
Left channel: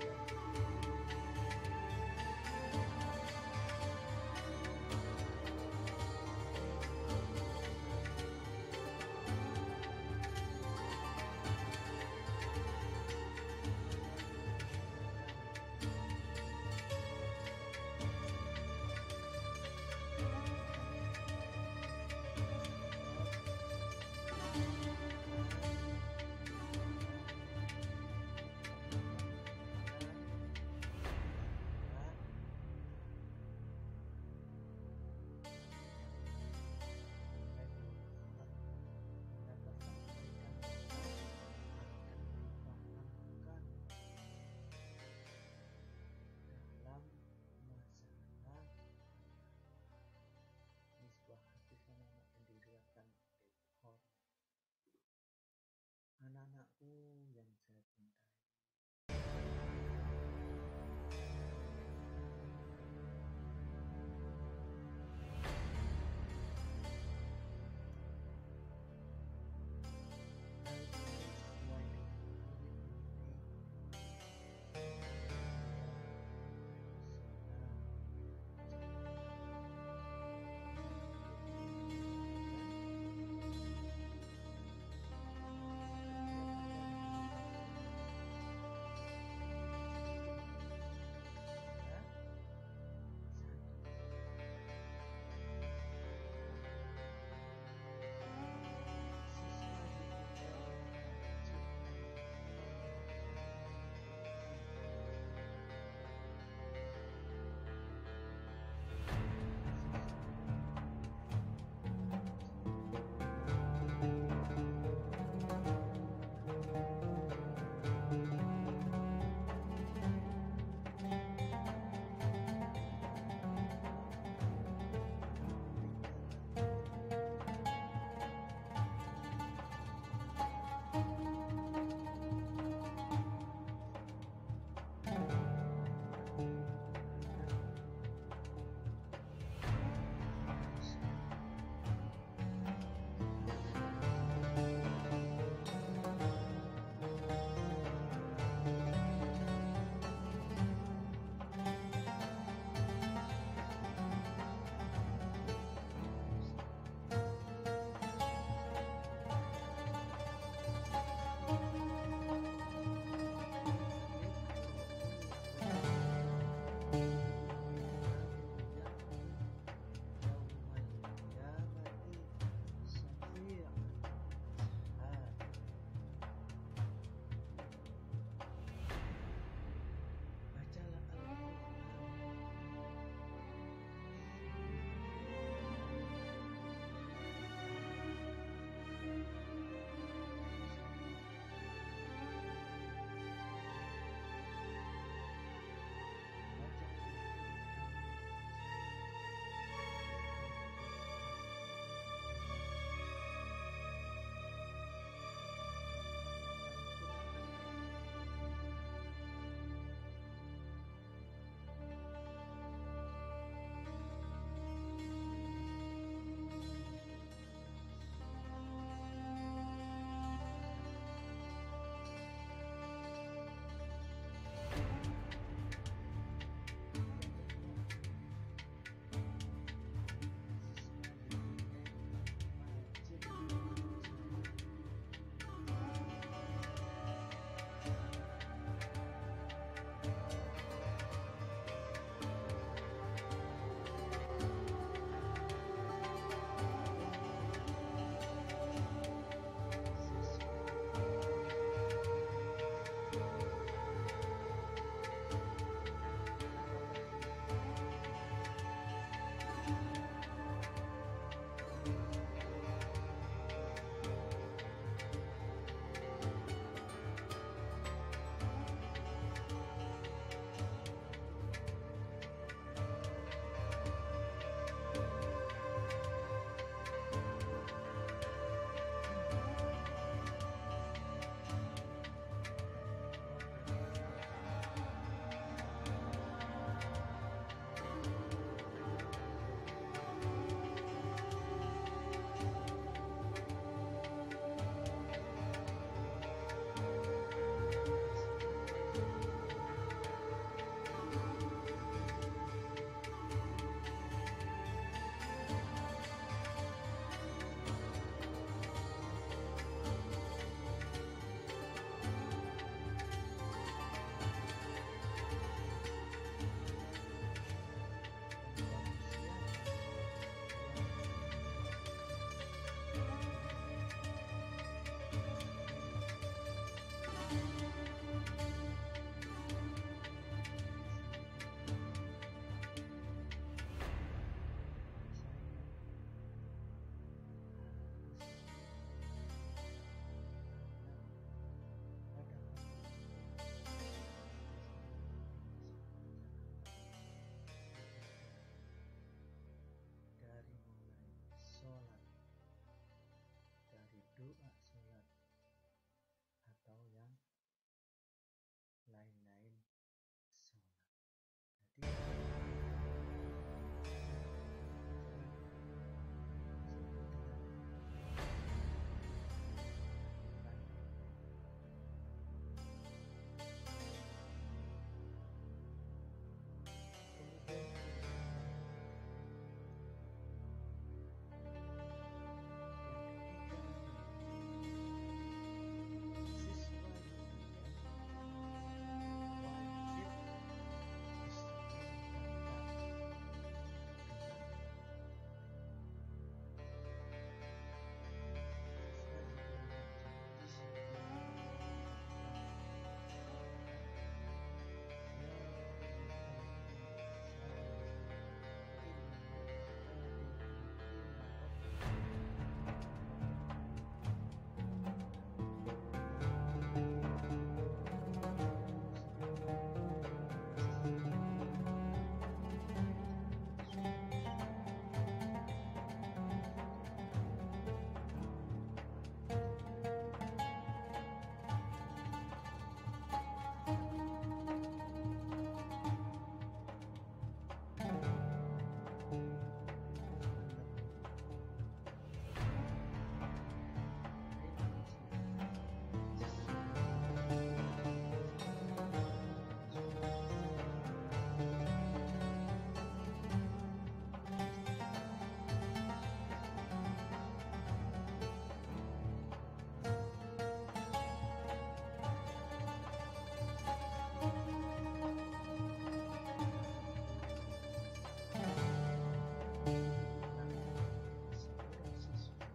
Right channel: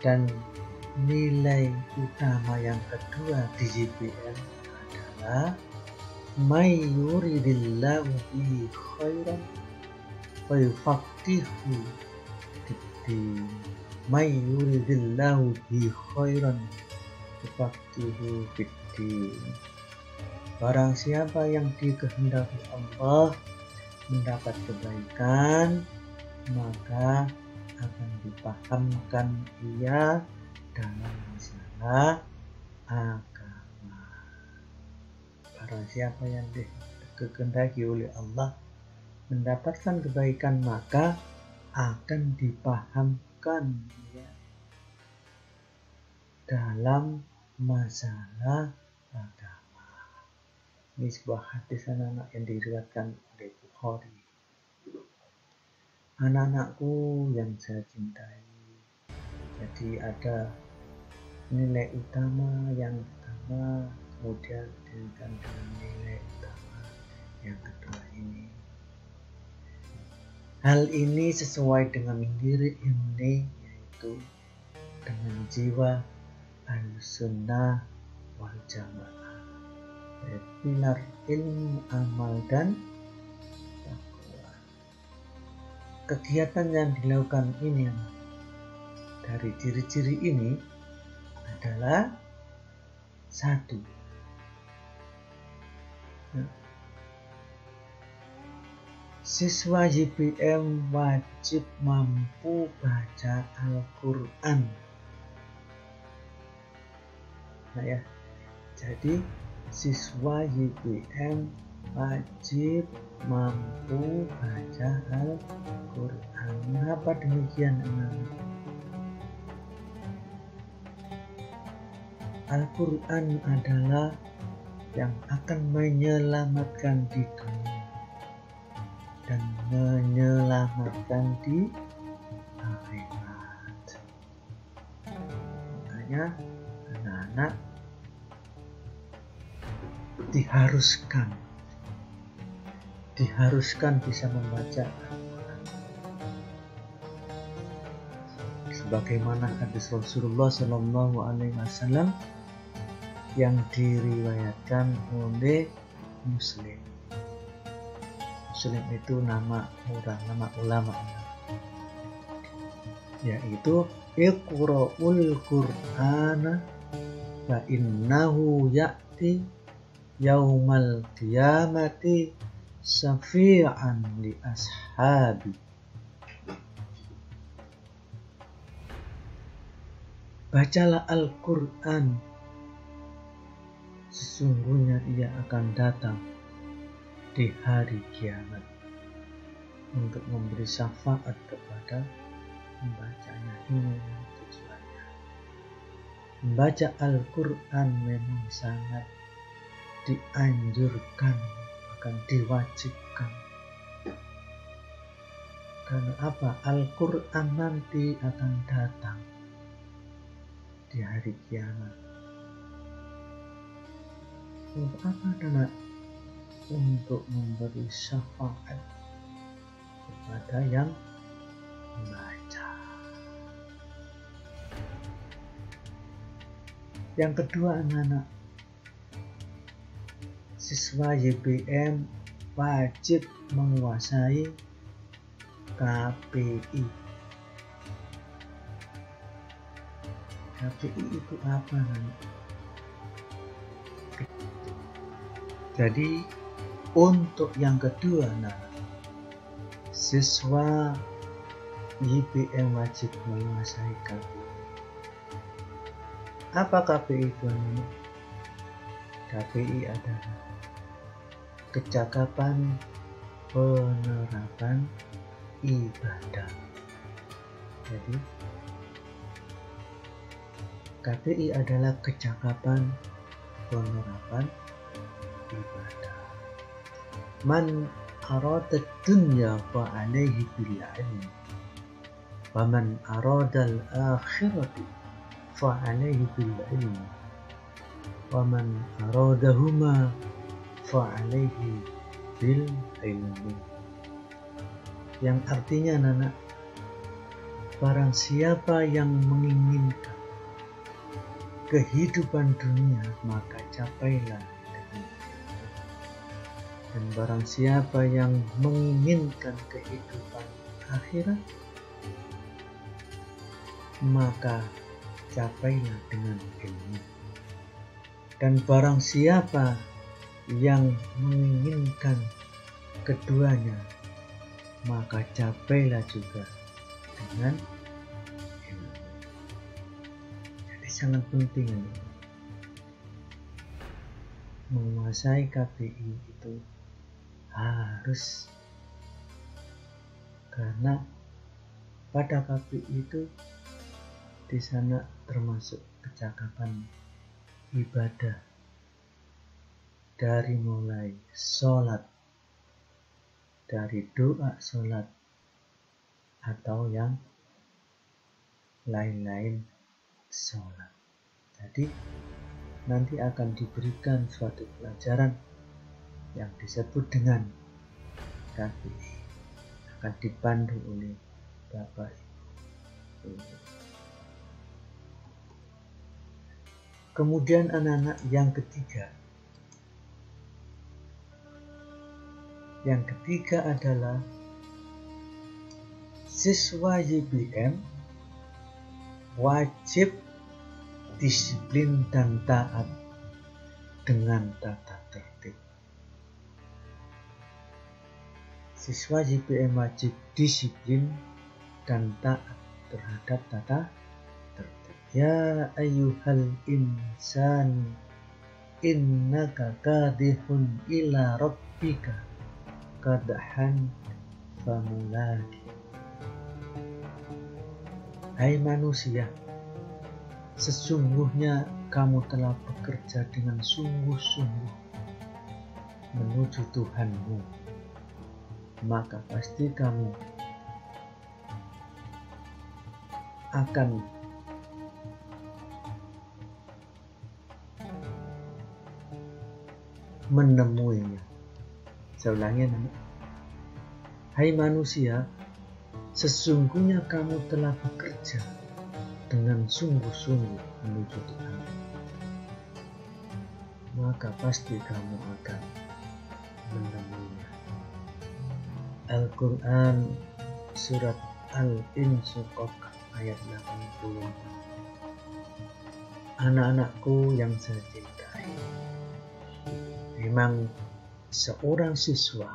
dan nilai utama yang kedua di JPM adalah may yuridillahu bihi khairan wa yufaqihu fiddin. May yuridillahu bihi khairan yufaqihu fiddin. Barang siapa yang dikehendaki Allah mendapat kebaikan, maka akan dipahamkan ia dalam masalah agama. Barang siapa yang dikehendaki oleh Allah mendapatkan kebaikan, maka akan dipahamkan ia dalam masalah agama. Ini sebuah hadis anak-anak yang diriwayatkan oleh Bukhari. Anak-anakku yang saya cintai, jadi ada nilai utama yang pertama, kemudian dengan nilai utama yang kedua ini. Hal ini sesuai dengan diri ini, yaitu dengan jiwa al-sunnah wal jamaah, pilar ilmu, amal, dan takwa. Kegiatan yang dilakukan ini dari ciri-ciri ini adalah satu, siswa JPM wajib mampu baca Al-Quran. Nah ya, jadi siswa JPM wajib mampu baca Al-Quran. Mengapa demikian? Al-Quran adalah yang akan menyelamatkan di dunia dan menyelamatkan di akhirat. Makanya anak-anak diharuskan diharuskan bisa membaca sebagaimana hadis Rasulullah Shallallahu Alaihi Wasallam yang diriwayatkan oleh Muslim. Muslim itu nama ulama, yaitu Iqra'ul Qur'ana fa innahu ya'ti yaumal qiyamati syafi'an li ashabi. Bacalah Al-Quran, sesungguhnya ia akan datang di hari kiamat untuk memberi syafaat kepada pembacanya. Ini tujuannya. Membaca Al-Quran memang sangat dianjurkan, bahkan diwajibkan. Karena apa? Al-Quran nanti akan datang di hari kiamat. Untuk apa, anak? Untuk memberi syafaat kepada yang membaca. Yang kedua, anak-anak, siswa YBM wajib menguasai KPI. KPI itu apa, anak? Jadi untuk yang kedua, siswa YBM wajib menguasai KPI. Apa KPI itu? KPI adalah kecakapan penerapan ibadah. Jadi KPI adalah kecakapan penerapan ibadah. Man arada dunya fa alaihi bil ilmi wa man arada al akhirati fa alaihi bil ilmi wa man aradahuma fa alaihi bil ilmi. Yang artinya, anak, barang siapa yang menginginkan kehidupan dunia, maka capailah. Dan barang siapa yang menginginkan kehidupan akhirat, maka capailah dengan ilmu. Dan barang siapa yang menginginkan keduanya, maka capailah juga dengan ilmu. Jadi sangat penting menguasai KPI itu harus, karena pada KPI itu di sana termasuk kecakapan ibadah, dari mulai sholat, dari doa sholat atau yang lain-lain sholat. Jadi nanti akan diberikan suatu pelajaran yang disebut dengan KPI, akan dipandu oleh Bapak Ibu. Kemudian anak-anak yang ketiga adalah siswa YBM wajib disiplin dan taat dengan tata tertib. Siswa YBM wajib disiplin dan taat terhadap tata tertib. Ya ayyuhal insan innaka kadihun ila rabbika kadhan famulaki. Hai manusia, sesungguhnya kamu telah bekerja dengan sungguh-sungguh menuju Tuhanmu, maka pasti kamu akan menemuinya. Saya ulangi, Hai manusia, sesungguhnya kamu telah bekerja dengan sungguh-sungguh menuju Tuhan, maka pasti kamu akan menemuinya. Al-Quran Surat Al-Insyiqaq ayat 80. Anak-anakku yang saya cintai, memang seorang siswa,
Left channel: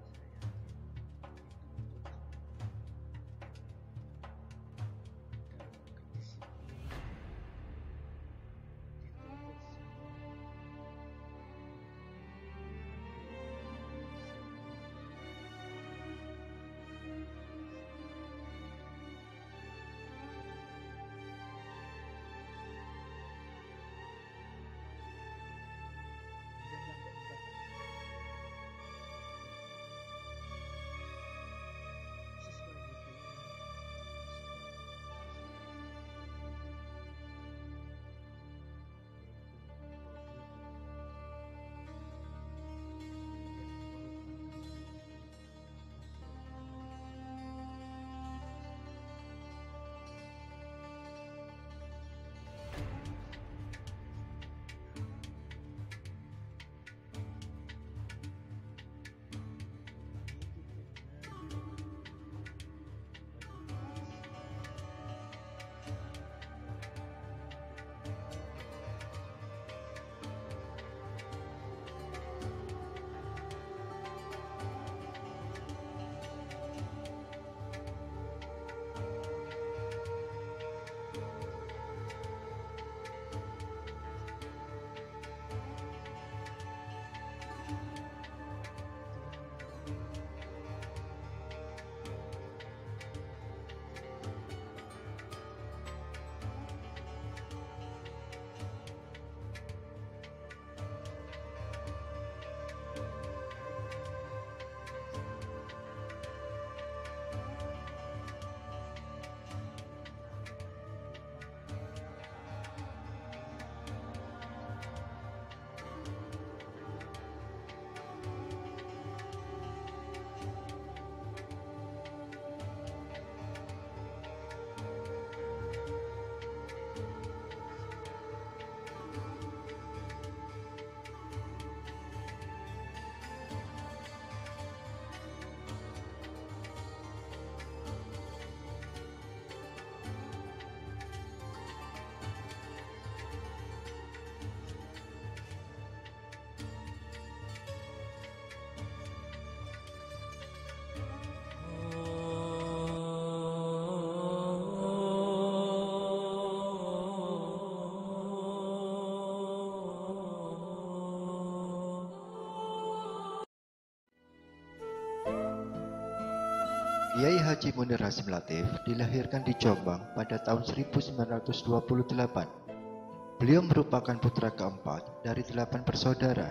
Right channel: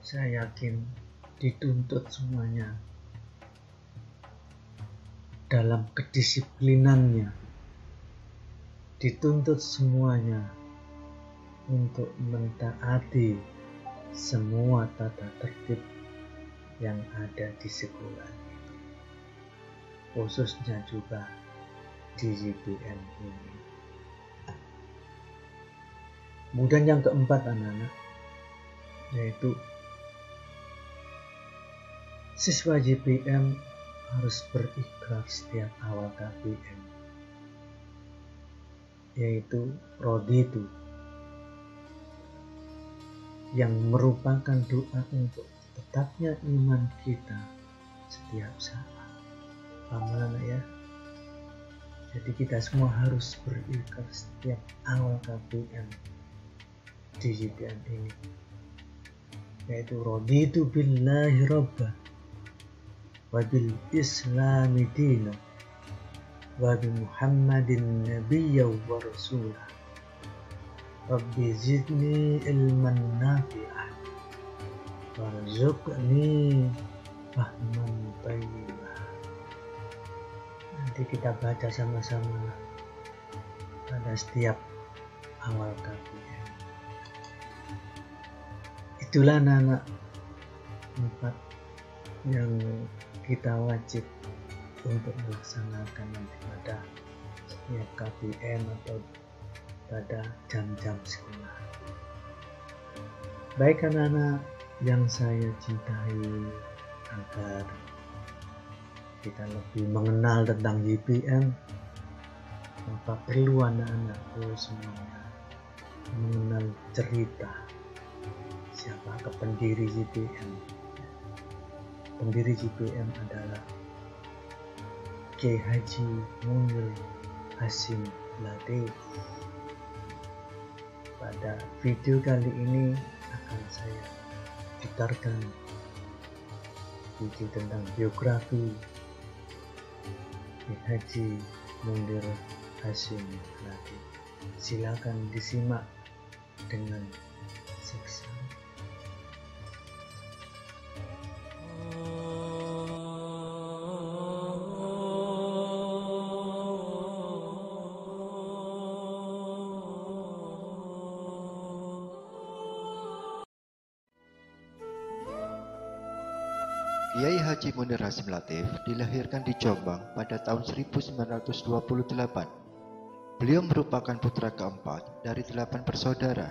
saya yakin dituntut semuanya dalam kedisiplinannya, dituntut semuanya untuk mentaati semua tata tertib yang ada di sekolah, khususnya juga di YPM ini. Kemudian yang keempat anak-anak, yaitu siswa YPM harus berikrar setiap awal KBM, yaitu roditu, yang merupakan doa untuk tetapnya iman kita setiap saat. Paham anak ya? Jadi kita semua harus berikrar setiap awal KBM di YPM ini, yaitu raditu billahi rabba wa bil islami dina wa bi muhammadin nabiyya wa rasulah rabbi zidni ilman nafi'ah warzuqni fahman thayyibah. Nanti kita baca sama-sama pada setiap awal KBM. Itulah anak-anak empat yang kita wajib untuk melaksanakan pada setiap KBM atau pada jam-jam sekolah. Baik anak-anak yang saya cintai, agar kita lebih mengenal tentang YPM, maka perlu anak-anakku semua mengenal cerita siapa pendiri YPM. Pendiri YPM adalah Kiai Haji Munir Hasim Latif. Pada video kali ini akan saya putarkan video tentang biografi Kiai Haji Munir Hasim Latif. Silakan disimak dengan seksama. Kiai Haji Munir Hasim Latif dilahirkan di Jombang pada tahun 1928. Beliau merupakan putra keempat dari 8 bersaudara.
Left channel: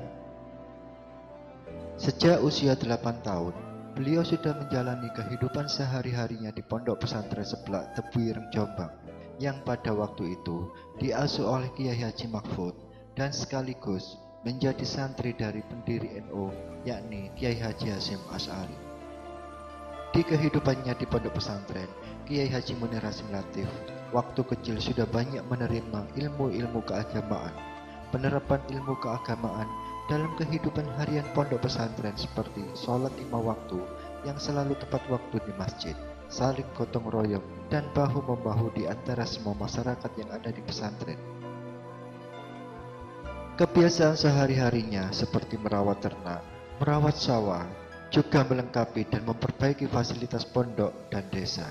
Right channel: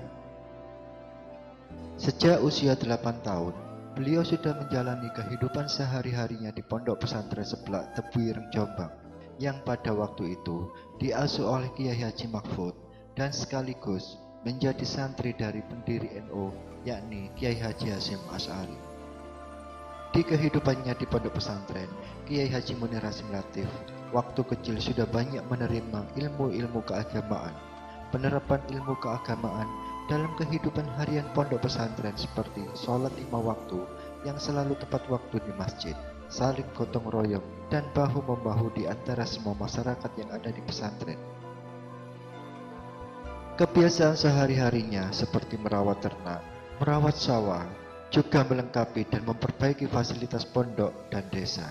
Sejak usia 8 tahun, beliau sudah menjalani kehidupan sehari-harinya di pondok pesantren Seblak Tebuireng Jombang, yang pada waktu itu diasuh oleh Kiai Haji Mahfud dan sekaligus menjadi santri dari pendiri NU, yakni Kiai Haji Hasyim Asy'ari. Di kehidupannya di pondok pesantren, Kiai Haji Munir Hasim Latif waktu kecil sudah banyak menerima ilmu-ilmu keagamaan. Penerapan ilmu keagamaan dalam kehidupan harian pondok pesantren seperti sholat 5 waktu yang selalu tepat waktu di masjid, saling gotong royong, dan bahu-membahu di antara semua masyarakat yang ada di pesantren. Kebiasaan sehari-harinya seperti merawat ternak, merawat sawah, juga melengkapi dan memperbaiki fasilitas pondok dan desa.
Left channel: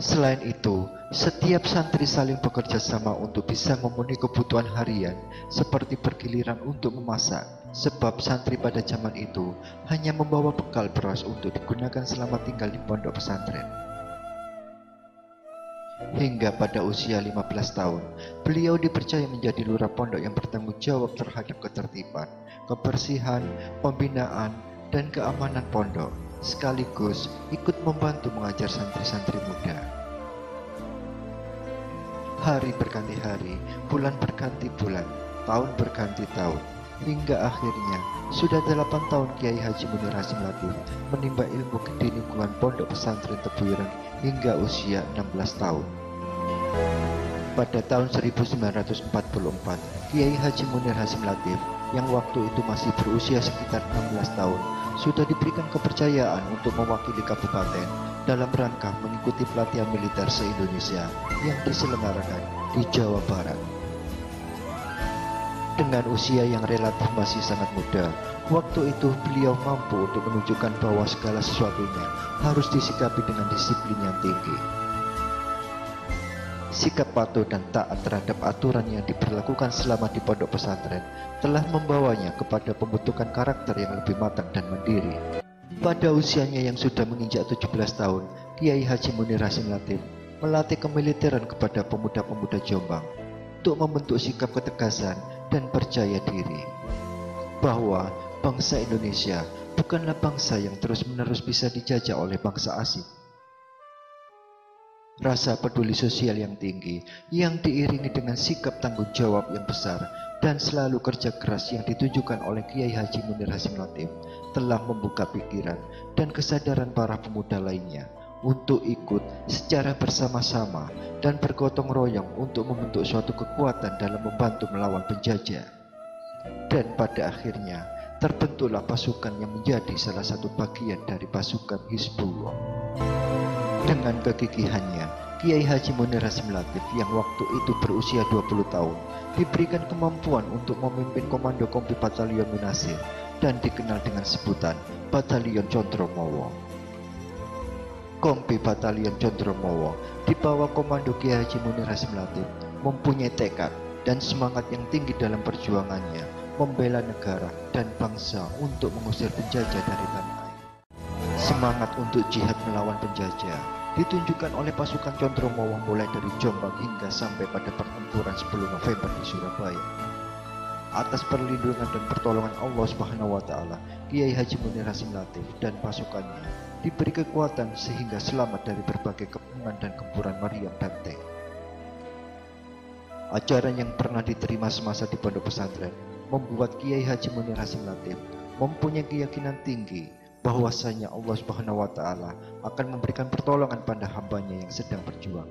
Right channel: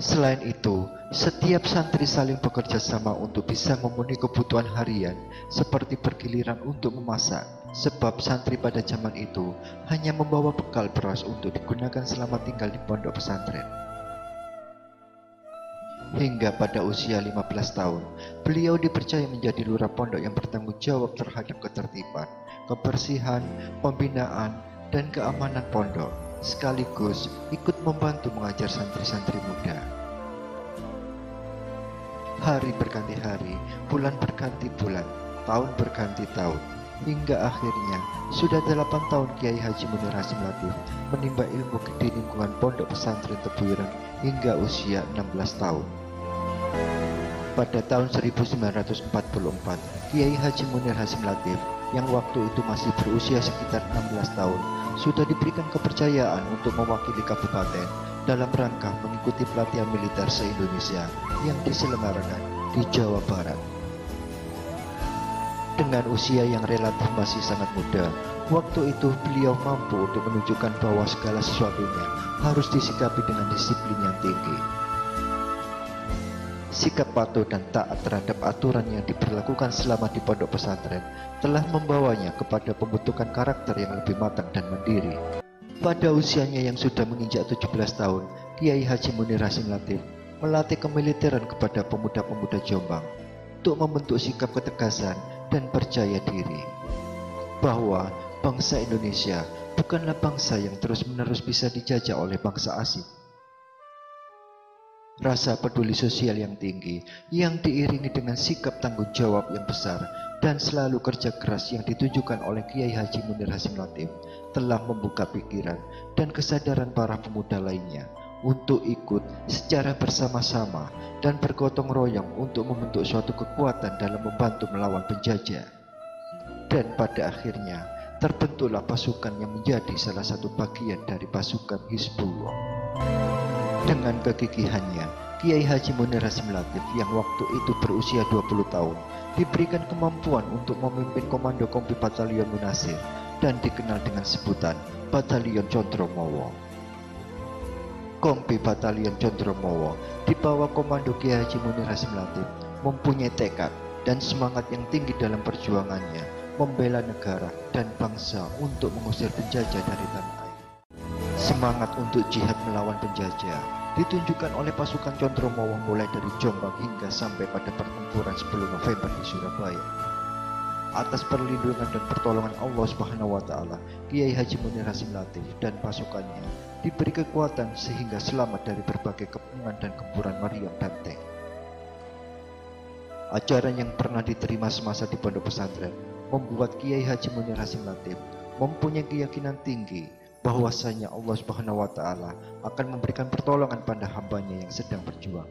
Selain itu, setiap santri saling bekerja sama untuk bisa memenuhi kebutuhan harian seperti bergiliran untuk memasak, sebab santri pada zaman itu hanya membawa bekal beras untuk digunakan selama tinggal di pondok pesantren. Hingga pada usia 15 tahun, beliau dipercaya menjadi lurah pondok yang bertanggung jawab terhadap ketertiban, kebersihan, pembinaan, dan keamanan pondok, sekaligus ikut membantu mengajar santri-santri muda. Hari berganti hari, bulan berganti bulan, tahun berganti tahun. hingga akhirnya sudah 8 tahun Kiai Haji Munir Hasim Latif menimba ilmu di lingkungan Pondok Pesantren Tebu Ireng hingga usia 16 tahun. Pada tahun 1944, Kiai Haji Munir Hasim Latif yang waktu itu masih berusia sekitar 16 tahun sudah diberikan kepercayaan untuk mewakili kabupaten dalam rangka mengikuti pelatihan militer se-Indonesia yang diselenggarakan di Jawa Barat. Dengan usia yang relatif masih sangat muda, waktu itu beliau mampu untuk menunjukkan bahwa segala sesuatunya harus disikapi dengan disiplin yang tinggi. Sikap patuh dan taat terhadap aturan yang diberlakukan selama di pondok pesantren telah membawanya kepada pembentukan karakter yang lebih matang dan mandiri. Pada usianya yang sudah menginjak 17 tahun, Kiai Haji Munir Hasim Latif melatih kemiliteran kepada pemuda-pemuda Jombang untuk membentuk sikap ketegasan dan percaya diri bahwa bangsa Indonesia bukanlah bangsa yang terus-menerus bisa dijajah oleh bangsa asing. Rasa peduli sosial yang tinggi yang diiringi dengan sikap tanggung jawab yang besar dan selalu kerja keras yang ditunjukkan oleh Kiai Haji Munir Hasim Latif telah membuka pikiran dan kesadaran para pemuda lainnya untuk ikut secara bersama-sama dan bergotong royong untuk membentuk suatu kekuatan dalam membantu melawan penjajah. Dan pada akhirnya terbentuklah pasukan yang menjadi salah satu bagian dari pasukan Hizbullah. Dengan kegigihannya, Kiai Haji Munir Hasim Latif yang waktu itu berusia 20 tahun diberikan kemampuan untuk memimpin Komando Kompi Batalion Munasir dan dikenal dengan sebutan Batalion Condromowo. Kompi Batalion Condromowo di bawah komando Kiai Haji Munir Hasim Latif mempunyai tekad dan semangat yang tinggi dalam perjuangannya membela negara dan bangsa untuk mengusir penjajah dari tanah air. Semangat untuk jihad melawan penjajah ditunjukkan oleh pasukan Condromowo mulai dari Jombang hingga sampai pada pertempuran 10 November di Surabaya. Atas perlindungan dan pertolongan Allah Subhanahu wa taala, Kiai Haji Munir Hasim Latif dan pasukannya diberi kekuatan sehingga selamat dari berbagai kepungan dan gempuran meriam dan tank. Ajaran yang pernah diterima semasa di pondok pesantren membuat Kiai Haji Munir Hasim Latif mempunyai keyakinan tinggi bahwasanya Allah Subhanahu wa taala akan memberikan pertolongan pada hambanya yang sedang berjuang.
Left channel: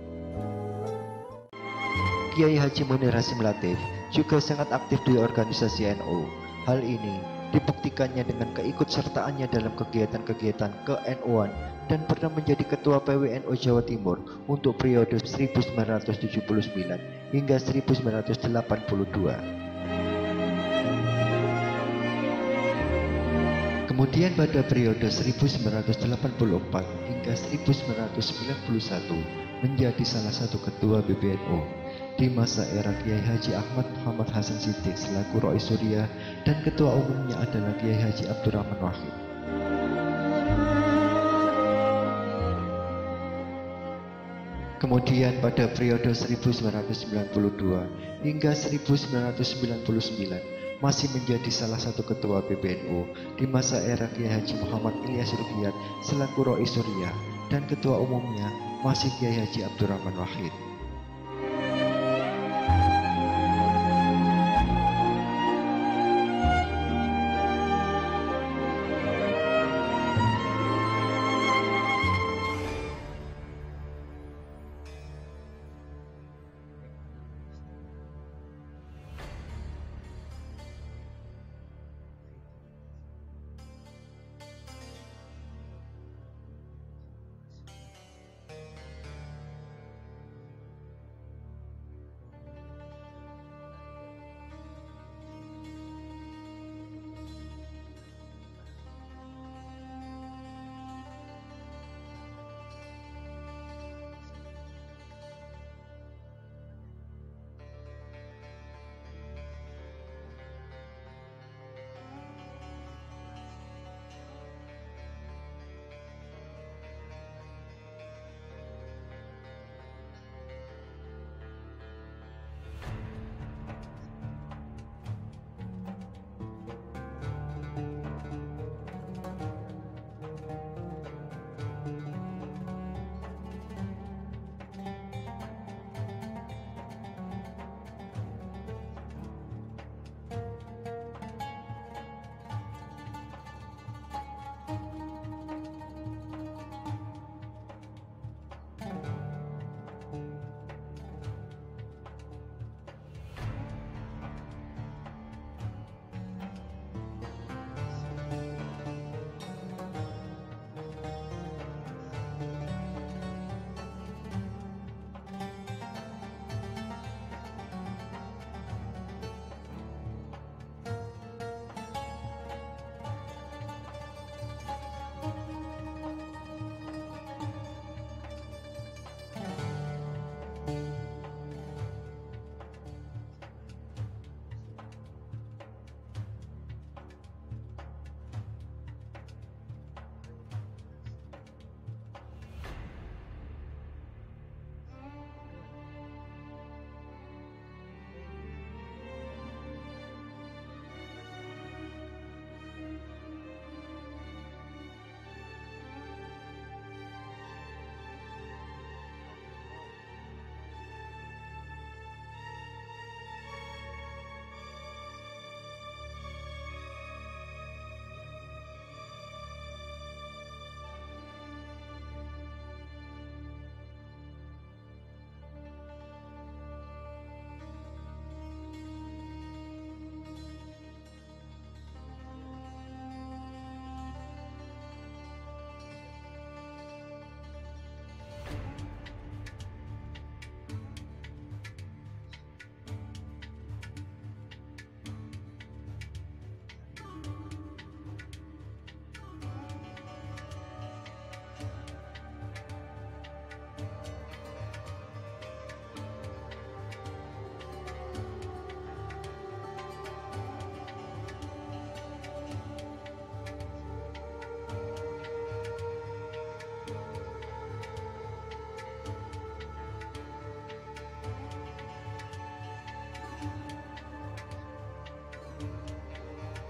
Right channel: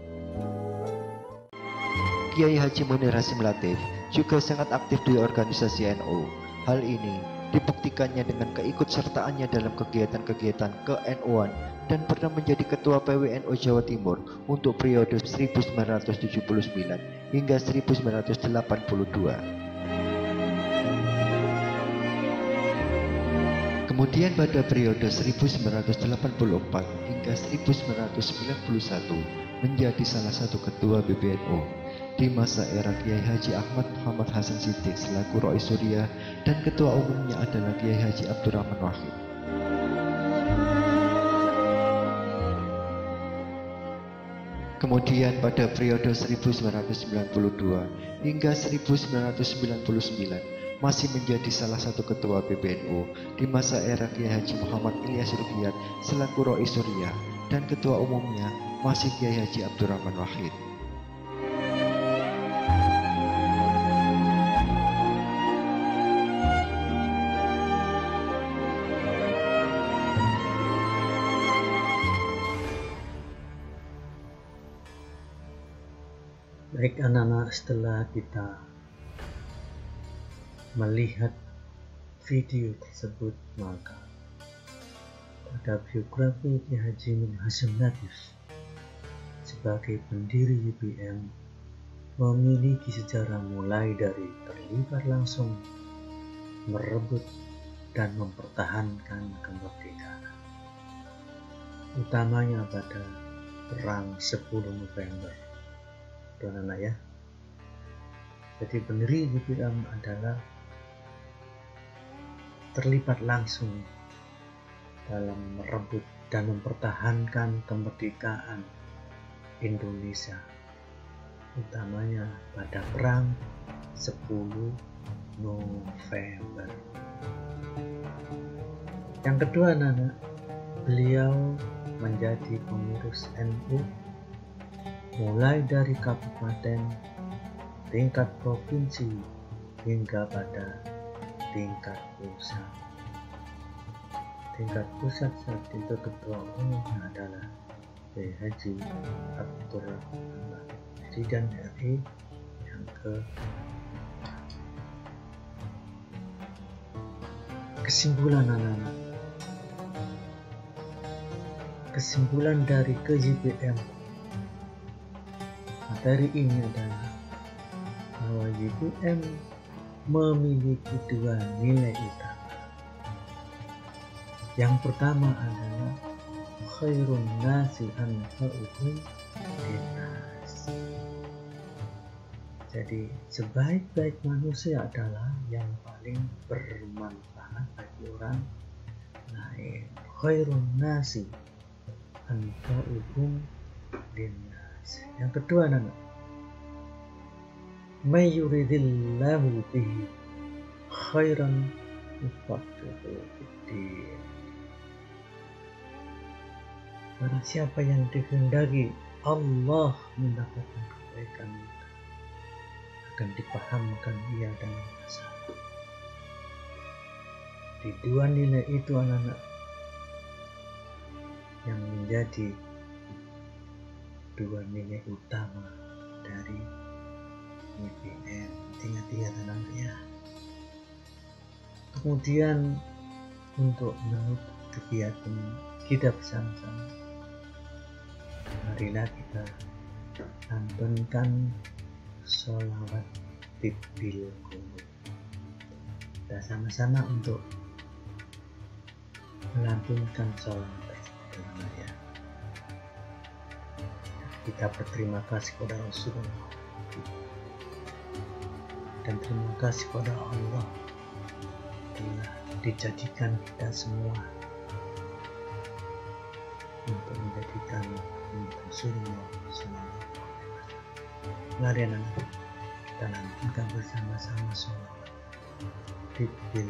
Kiai Haji Munir Hasim Latif juga sangat aktif di organisasi NU. Hal ini dibuktikannya dengan keikutsertaannya dalam kegiatan-kegiatan ke-NU-an dan pernah menjadi ketua PWNU Jawa Timur untuk periode 1979 hingga 1982. Kemudian pada periode 1984 hingga 1991 menjadi salah satu ketua PBNU. Di masa era Kiai Haji Ahmad Muhammad Hasan Siddiq selaku Rois Suriah dan ketua umumnya adalah Kiai Haji Abdurrahman Wahid. Kemudian pada periode 1992 hingga 1999 masih menjadi salah satu ketua PBNU di masa era Kiai Haji Muhammad Ilyas Ruhiyat selaku Rois Suriah dan ketua umumnya masih Kiai Haji Abdurrahman Wahid. Baik anak-anak, setelah kita melihat video tersebut, maka pada biografi Kiai Haji Munir Hasim Latif sebagai pendiri YPM memiliki sejarah mulai dari terlibat langsung merebut dan mempertahankan kemerdekaan, utamanya pada Perang 10 November. Anak ya. Jadi pendiri YPM adalah terlibat langsung dalam merebut dan mempertahankan kemerdekaan Indonesia, utamanya pada Perang 10 November. Yang kedua, anak-anak, beliau menjadi pengurus NU mulai dari kabupaten, tingkat provinsi hingga pada tingkat pusat. Tingkat pusat saat itu ketua umumnya adalah Kiai Haji Abdurrahman Presiden RI yang ke kesimpulan anak-anak. Kesimpulan dari KJPM materi ini adalah bahwa JPM memiliki dua nilai utama. Yang pertama adalah khairun nasi anfa'uhum linnas. Jadi sebaik-baik manusia adalah yang paling bermanfaat bagi orang lain. Khairun nasi anfa'uhum linnas. Yang kedua nana, may yuridillahu bihi khairan yufaqihuhu fiddin. Barang siapa yang dikehendaki Allah mendapatkan kebaikan, akan dipahamkan ia dalam masalah. Di dua nilai itu anak-anak yang menjadi dua nilai utama dari JPM. Ingat-ingat anak-anak ya. Kemudian untuk menutup kegiatan kita bersama-sama, marilah kita lantunkan sholawat tibbil qulub. Kita sama-sama untuk melantunkan sholawat tersebut. Kita berterima kasih kepada Rasulullah dan terima kasih kepada Allah telah dijadikan kita semua untuk menjadikan Rasulullah. Mari nanti kita bersama-sama sholawat tibbil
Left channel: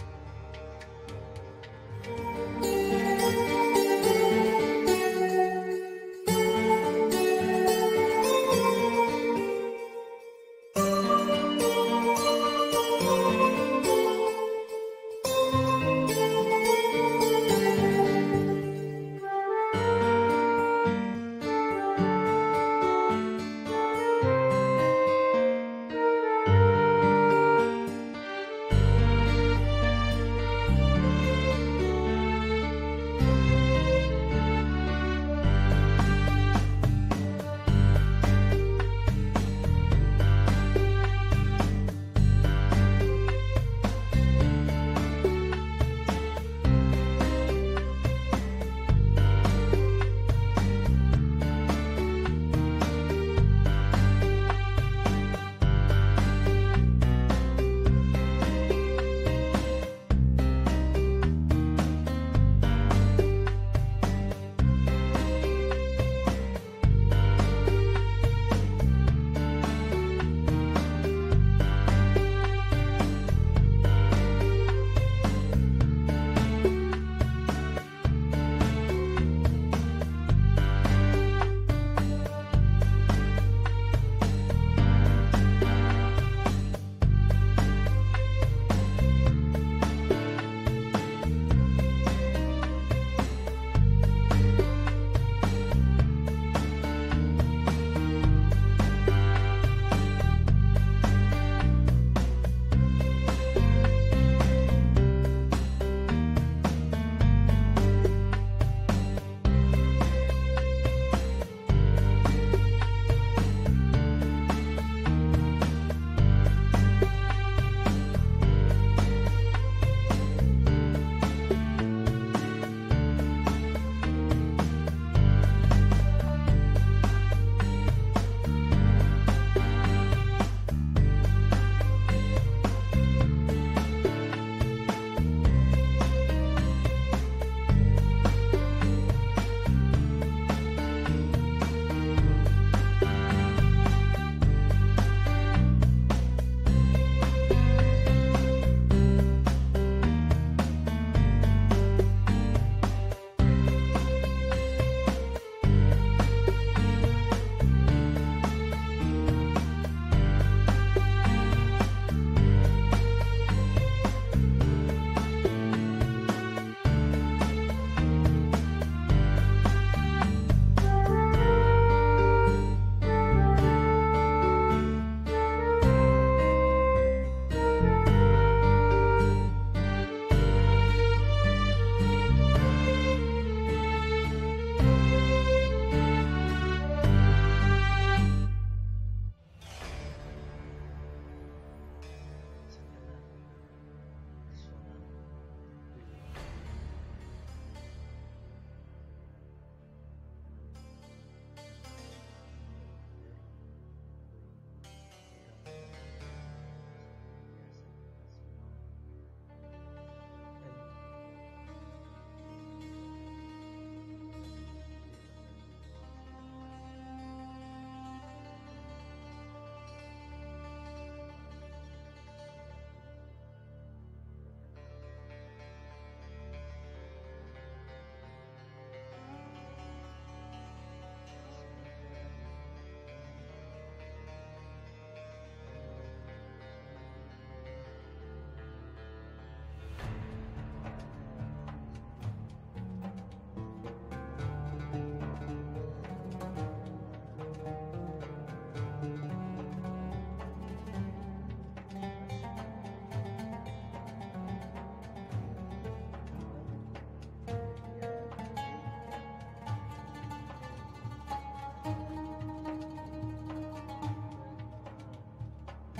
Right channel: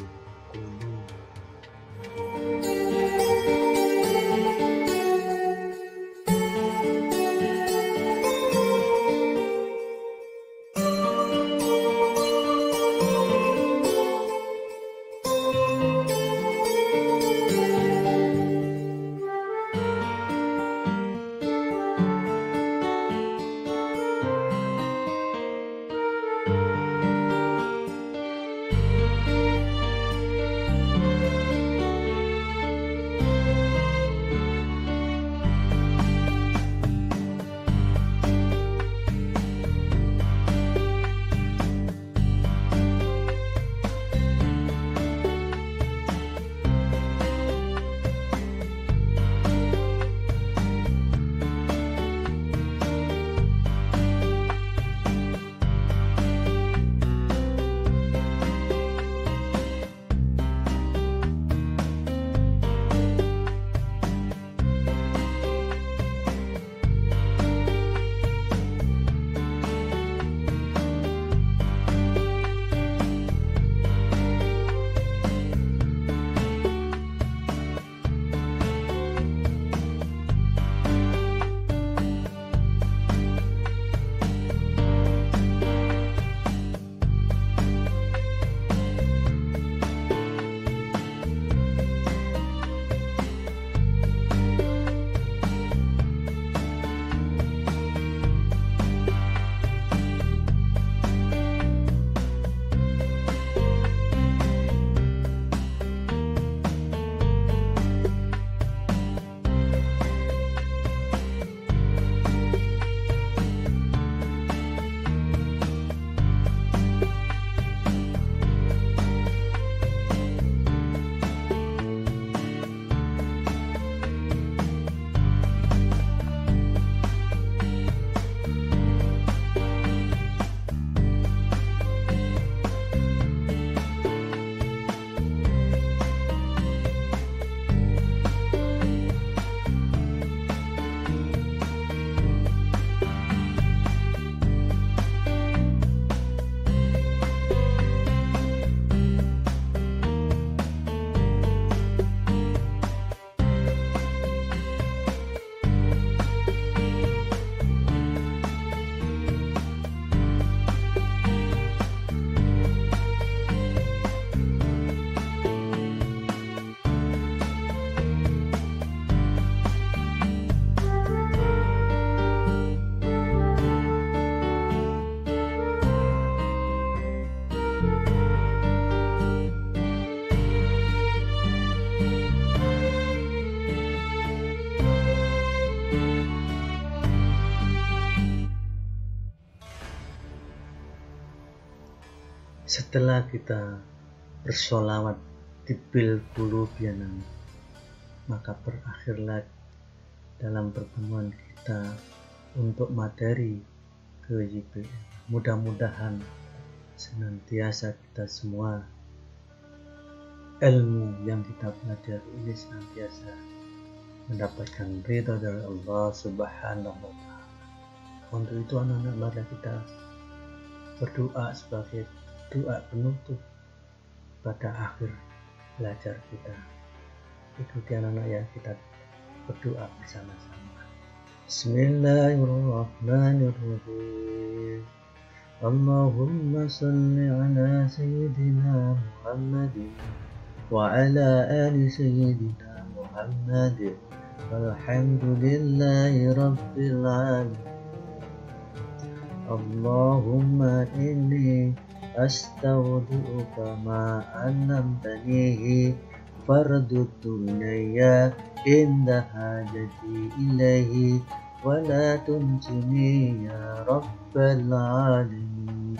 Setelah kita bersolawat di bil qulubiana, maka berakhirlah dalam pertemuan kita untuk materi ke YPM. Mudah-mudahan senantiasa kita semua ilmu yang kita pelajari ini senantiasa mendapatkan ridha dari Allah Subhanahu wa Ta'ala. Untuk itu anak-anak, mari kita berdoa sebagai doa penutup pada akhir belajar kita. Ikuti anak-anak ya, kita berdoa bersama-sama. Bismillahirrahmanirrahim. Allahumma salli ala Sayyidina Muhammadin wa ala ali Sayyidina Muhammadin walhamdulillahi rabbil alamin. Allahumma inni astaudi'uka ma annamtanihi fardutu ilayya inda hajati ilaihi wa la tunsini ya rabbal alamin.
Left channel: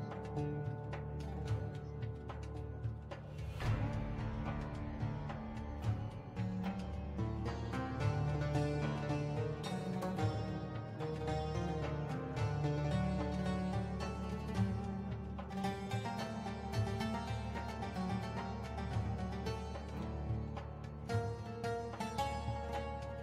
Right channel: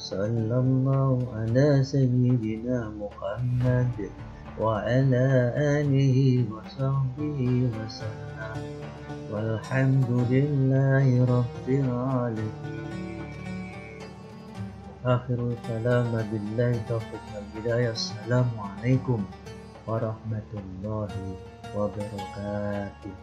Sallallahu ala sayyidina Muhammad wa ala alihi wa sahbihi wa sallam walhamdulillahi rabbil alamin. Akhirul kalam billahi taufiq wal hidayah. Assalamualaikum warahmatullahi wabarakatuh.